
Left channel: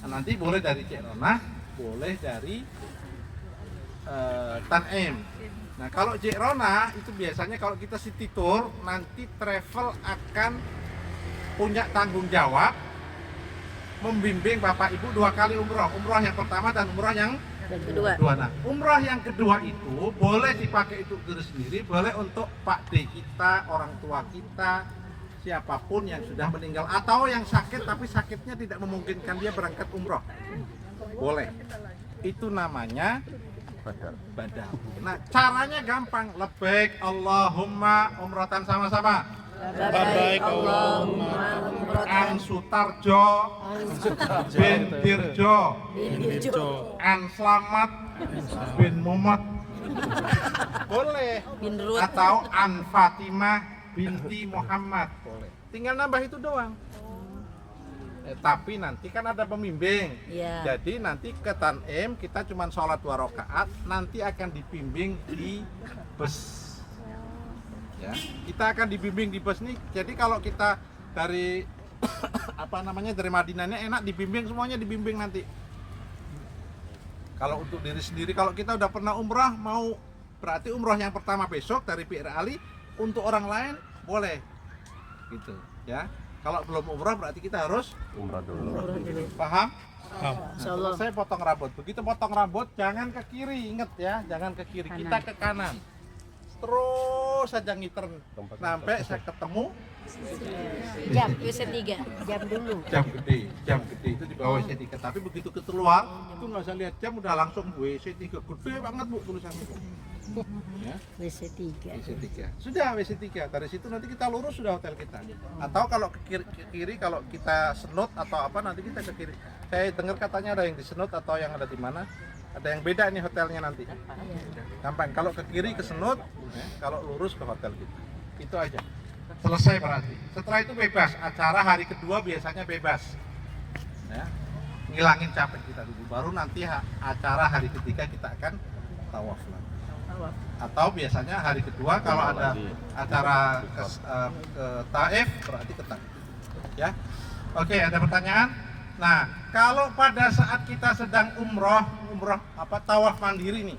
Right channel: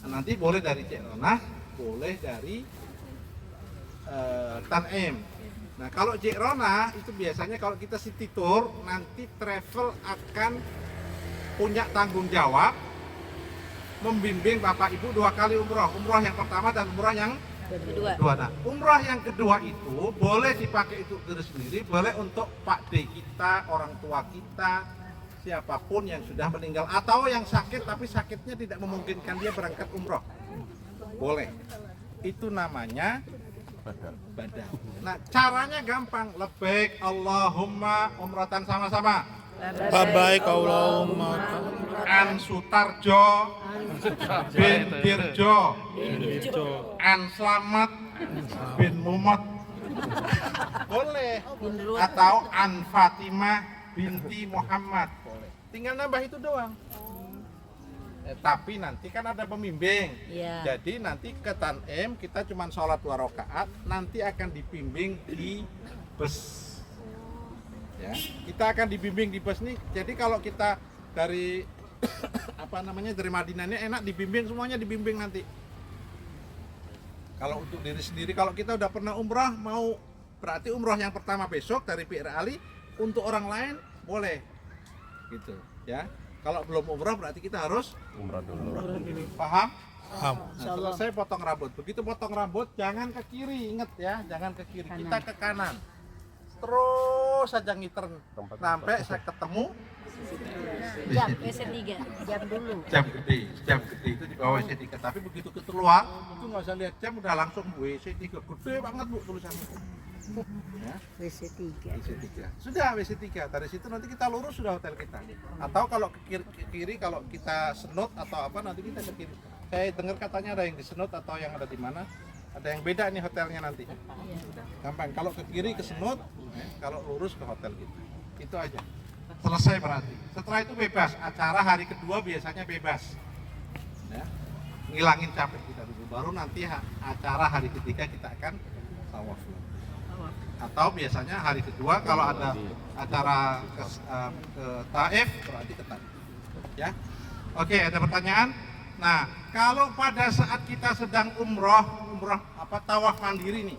Nah, nanti boleh dari Ji'ronah, boleh dari Tan'im. Nah, kalau Ji'ronah itu biasanya kalau kita city tour, nanti travel akan punya tanggung jawab membimbing Bapak Ibu 2 kali umroh. Umroh yang pertama dan umroh yang Kedua. Nah, umroh yang kedua itu boleh dipakai untuk diri sendiri, boleh untuk Pak D kita, orang tua kita, siapapun yang sudah meninggal atau yang sakit tapi sakitnya tidak memungkinkan dia berangkat umroh. Boleh. Itu namanya badal. Nah, caranya gampang. Labbaik Allahumma umratan sama-sama. Labbaik Allahumma An Sutarjo bin Dirjo Dirjo An Slamet bin Muhammad. Boleh. Bin Ruh. Atau An Fatimah binti Muhammad. Boleh. Tinggal nambah itu doang. Tapi nanti kan ada pembimbing. Iya. Jadi nanti ke Tan'im kita cuma sholat 2 rakaat, nanti akan dibimbing di bus. Ya, kita akan dibimbing di bus nih. Jadi kalau kita dari dari Madinahnya enak dibimbing, semuanya dibimbing nanti. Kalau untuk diri sendiri, kalau kita udah pernah umrah, mau berarti umrah yang pertama besok dari PR Ali, untuk orang lain boleh. Gitu, ya. Kalau belum umrah berarti kita harus umrah dulu. Paham? Paham. Nah, saya potong rambut. Begitu potong rambut jangan ke kiri, inget ya, jangan ke kiri. Kita ke kanan. Terus saja ngiter sampai saya ketemu Jam WC3. Jam dulu. jam gede itu di bawah WC3. Tapi begitu keluar itu nggak usah lihat jam, udah langsung WC3 gede banget Bu tulisannya. Ya, WC3. WC3. Sudah WC3. Dari situ nanti kita lurus sudah hotel kita. Atau kalau ke kiri kalau kita senut atau apa nanti kita ke kiri. Saya dengar katanya ada yang di senut atau yang ada di mana. Ada yang beda nih hotelnya nanti. Gampang. Kalau ke kiri ke senut, kalau lurus ke hotel kita. Itu aja. Selesai berarti. Setelah itu bebas. Acara hari kedua biasanya bebas. Ya. Ngilangin capek kita dulu. Baru nanti acara hari ketiga kita akan tawaf lagi. Atau biasanya hari kedua kalau ada acara ke Taif berarti ke Taif. Ya. Oke, ada pertanyaan? Nah, kalau pada saat kita sedang umroh tawaf mandiri nih.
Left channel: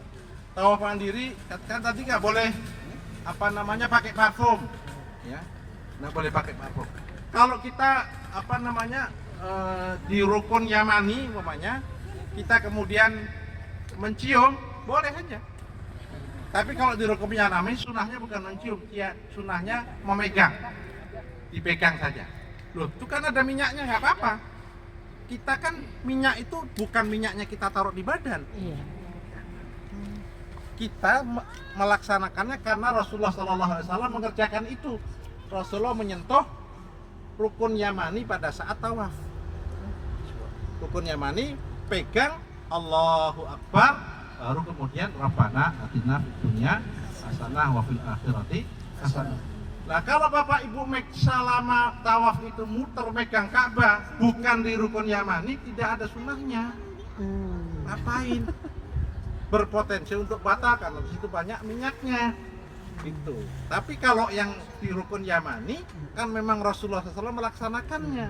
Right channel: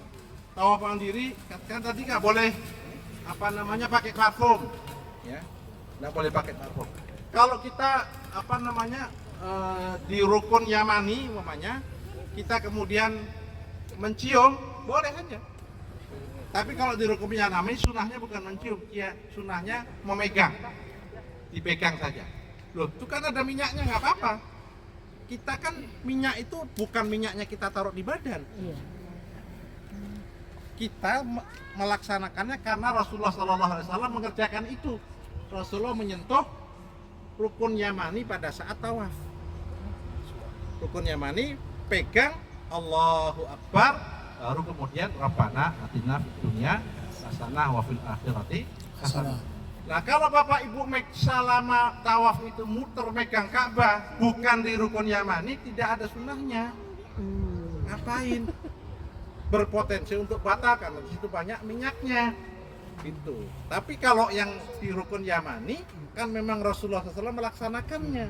Tawaf mandiri kan tadi nggak boleh pakai parfum, ya, nggak boleh pakai parfum. Kalau kita di rukun Yamani, umpamanya kita kemudian mencium, boleh saja. Tapi kalau di rukun Yamani sunahnya bukan mencium, ya sunahnya memegang, dipegang saja. Loh, itu kan ada minyaknya, nggak apa-apa. Kita kan minyak itu bukan minyaknya kita taruh di badan. Kita melaksanakannya karena Rasulullah SAW mengerjakan itu. Rasulullah menyentuh rukun Yamani pada saat tawaf. Rukun Yamani pegang Allahu Akbar, baru kemudian Rabbana atina fid dunya hasanah wa fil akhirati hasanah. Nah, kalau Bapak Ibu selama tawaf itu muter megang Ka'bah bukan di rukun Yamani, tidak ada sunahnya. Ngapain? Berpotensi untuk batal karena di situ banyak minyaknya. Gitu. Tapi kalau yang di rukun Yamani kan memang Rasulullah SAW melaksanakannya.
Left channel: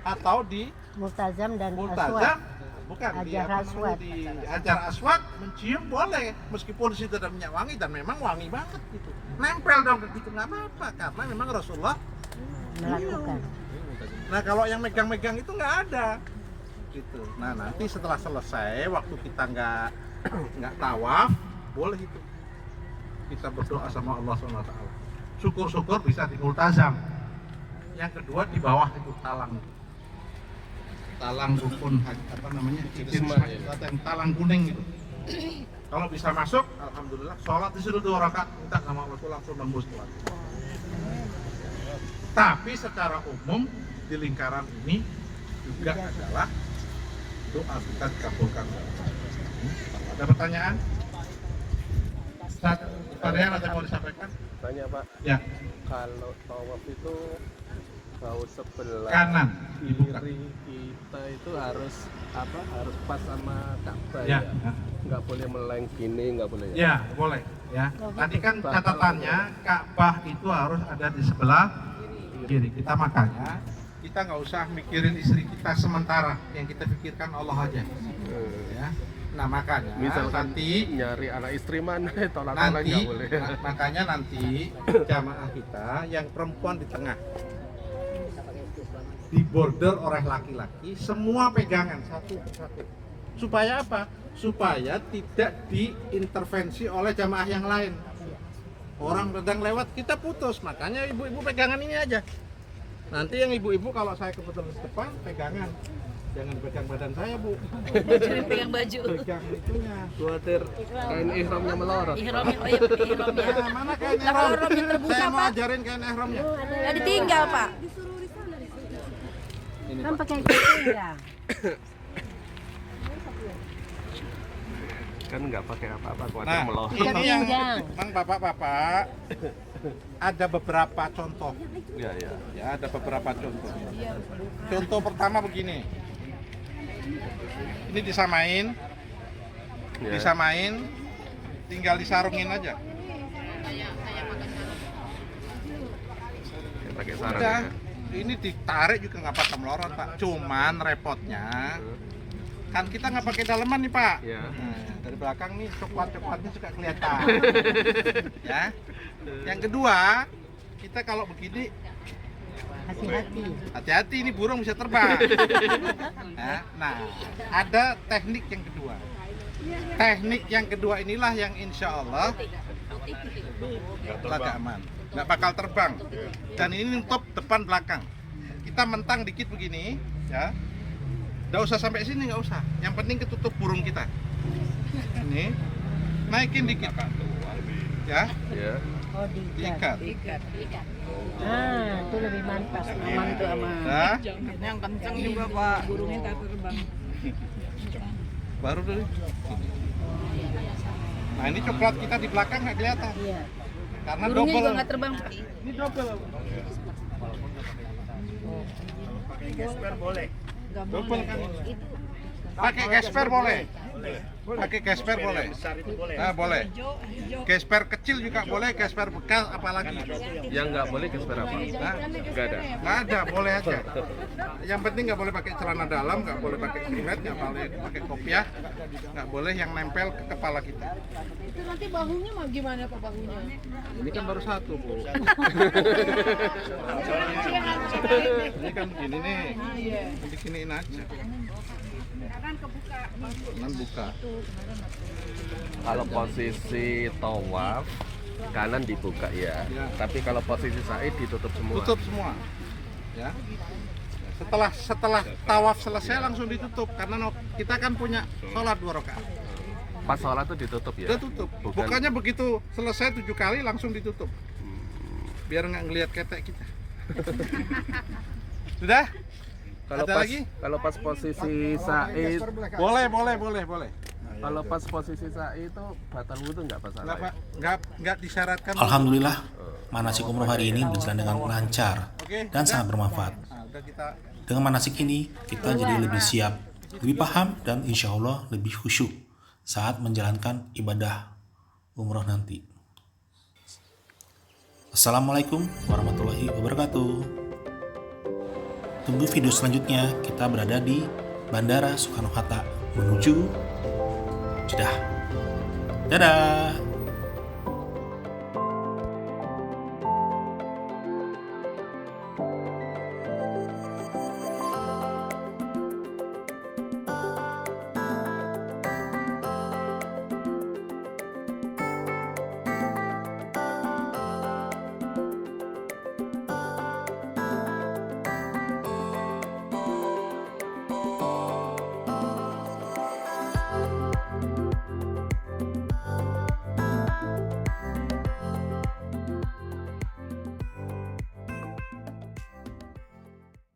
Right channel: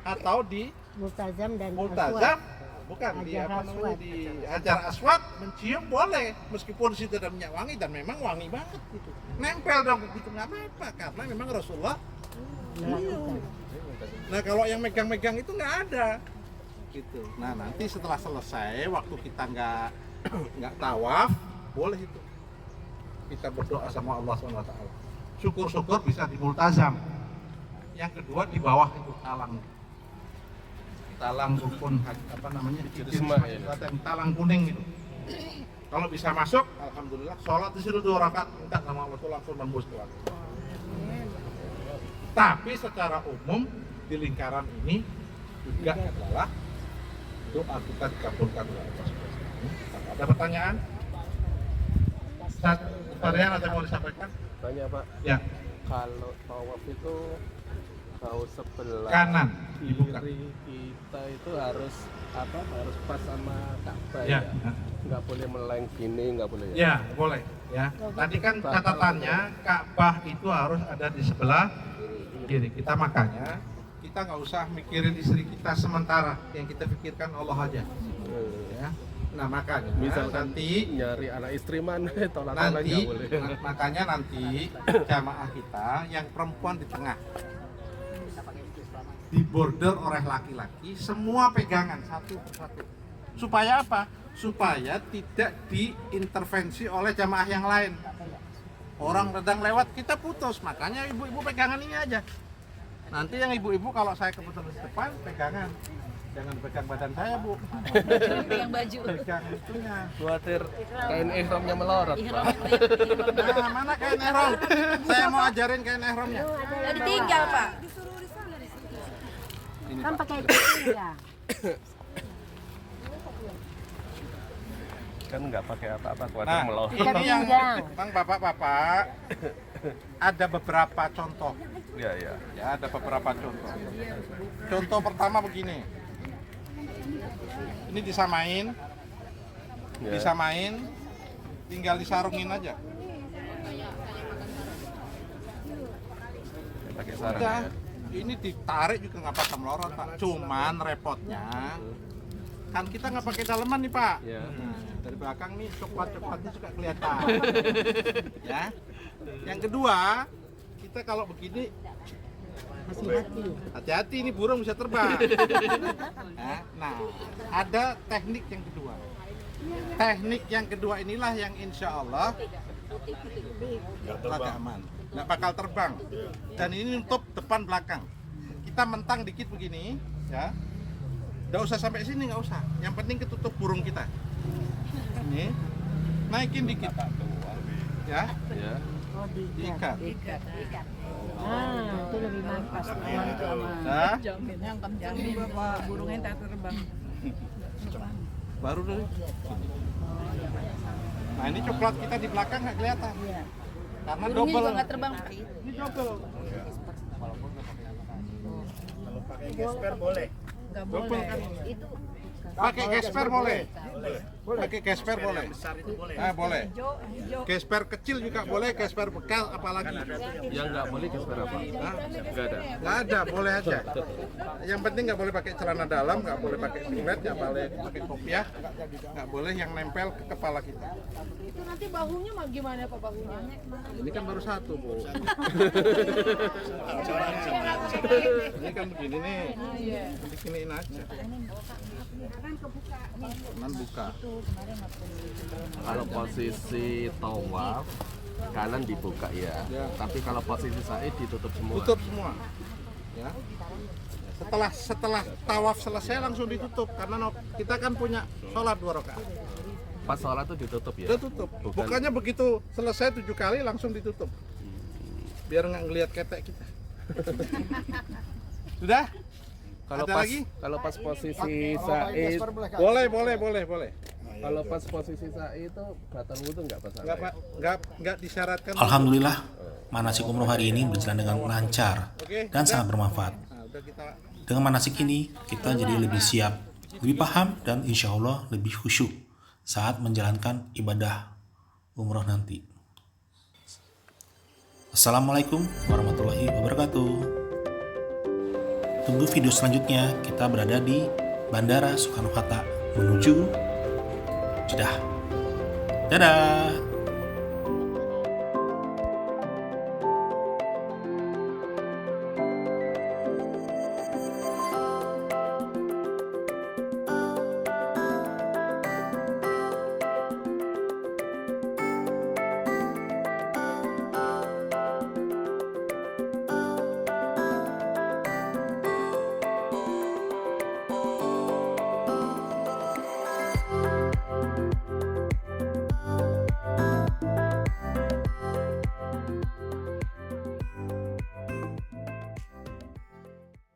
Atau di Multazam dan Multazam, bukan Hajar Aswad. di Hajar Aswad mencium boleh meskipun di situ ada minyak wangi dan memang wangi banget gitu. Nempel dong gitu nggak apa-apa karena memang Rasulullah cium. Nah, kalau yang megang-megang itu nggak ada gitu. Nah, nanti setelah selesai waktu kita nggak tawaf boleh itu kita berdoa sama Allah SWT. Syukur-syukur bisa di multazam. Yang kedua di bawah itu talang rukun talang kuning itu. Kalau bisa masuk, alhamdulillah. Sholat di situ 2 rakaat, minta sama Allah itu langsung nembus tuh. Tapi secara umum di lingkaran ini juga adalah doa kita dikabulkan. Ada pertanyaan? Pertanyaan ada yang mau disampaikan? Tanya Pak, Ya, kalau tawaf itu bahu sebelah kanan dibuka. kiri kita itu harus apa? Harus pas sama Ka'bah Ya, ya? Nggak boleh meleng gini, nggak boleh ya? ya boleh. Ya, tadi kan catatannya Ka'bah itu harus ada di sebelah kiri. Kita makanya kita nggak usah mikirin istri kita sementara, yang kita pikirkan Allah aja. Ya. Nah makanya Misalkan nanti nyari anak istri mana, tolak-tolak nanti nggak boleh. makanya nanti jamaah kita yang perempuan di tengah, di border oleh laki-laki, semua pegangan satu persatu. Supaya apa? Supaya tidak diintervensi oleh jamaah yang lain. Orang sedang lewat kita putus, makanya ibu-ibu pegangan ini aja. Nanti yang ibu-ibu kalau saya kebetulan di depan pegangan, jangan dipegang badan saya bu. Pegang baju. Pegang itunya. Khawatir kain ihramnya melorot. Ihramnya Nah, mana kain ihram? Saya mau ajarin kain ihramnya. ditinggal, Pak. Ini Kan Pak. pakai ditinggal. Kan nggak pakai apa-apa, khawatir Nah, melorot. ini yang bang bapak-bapak ada beberapa contoh. Ya, ya. Ya, ada beberapa contoh. Contoh pertama begini. Ini disamain, Ya. disamain, tinggal disarungin aja. Pakai sarung. Udah, ini ditarik juga nggak bakal melorot pak. Cuman repotnya kan kita nggak pakai daleman nih pak. Ya. Nah, dari belakang nih coklat-coklatnya suka kelihatan. Ya. Yang kedua, kita kalau begini hati-hati ini burung bisa terbang. Ya, nah, ada teknik yang kedua. Teknik yang kedua inilah yang insya Allah agak aman, nggak bakal terbang. Dan ini nutup depan belakang. Kita mentang dikit begini, ya. Nggak usah sampai sini, nggak usah. Yang penting ketutup burung kita. Ini naikin dikit, ya. Ya. Diikat. Ah, itu lebih mantap. Nah, Yang kencang juga, Pak. Burungnya takut terbang. baru dulu. Nah ini coklat kita di belakang nggak kelihatan. Iya. Karena Burungnya double. juga nggak terbang. Ini double. Double kan ini. Pakai gesper boleh. Pakai gesper boleh. Nah boleh. Gesper kecil juga boleh, gesper bekas apalagi. Yang nggak boleh gesper apa? Nah, Nggak ada. nggak ada, boleh aja. Yang penting nggak boleh pakai celana dalam, nggak boleh pakai singlet, nggak boleh pakai kopiah, nggak boleh yang nempel ke kepala kita. Itu nanti bahunya mah gimana Pak bahunya? Ini kan baru satu bu. Ini kan begini nih, bikinin aja. Kanan buka. Kalau posisi tawaf kanan dibuka ya. Ya. Tapi kalau posisi sa'i ditutup semua. Tutup semua. Ya. Setelah tawaf selesai langsung ditutup karena kita kan punya sholat 2 rakaat. Pas sholat tuh ditutup ya. Udah tutup. Bukannya begitu selesai 7 kali langsung ditutup. Biar nggak ngelihat ketek kita. Sudah? Kalau Ada pas, lagi? Kalau pas posisi sa'i, Boleh. kalau pas posisi sa'i itu batal wudhu nggak pas sa'i? Nggak disyaratkan. Alhamdulillah, manasik umroh hari ini berjalan dengan lancar dan sangat bermanfaat. Nah, udah kita Dengan manasik ini, kita jadi lebih siap, lebih paham, dan insya Allah lebih khusyuk saat menjalankan ibadah umroh nanti. Assalamualaikum warahmatullahi wabarakatuh. Tunggu video selanjutnya, kita berada di Bandara Soekarno-Hatta menuju Jeddah. Dadah!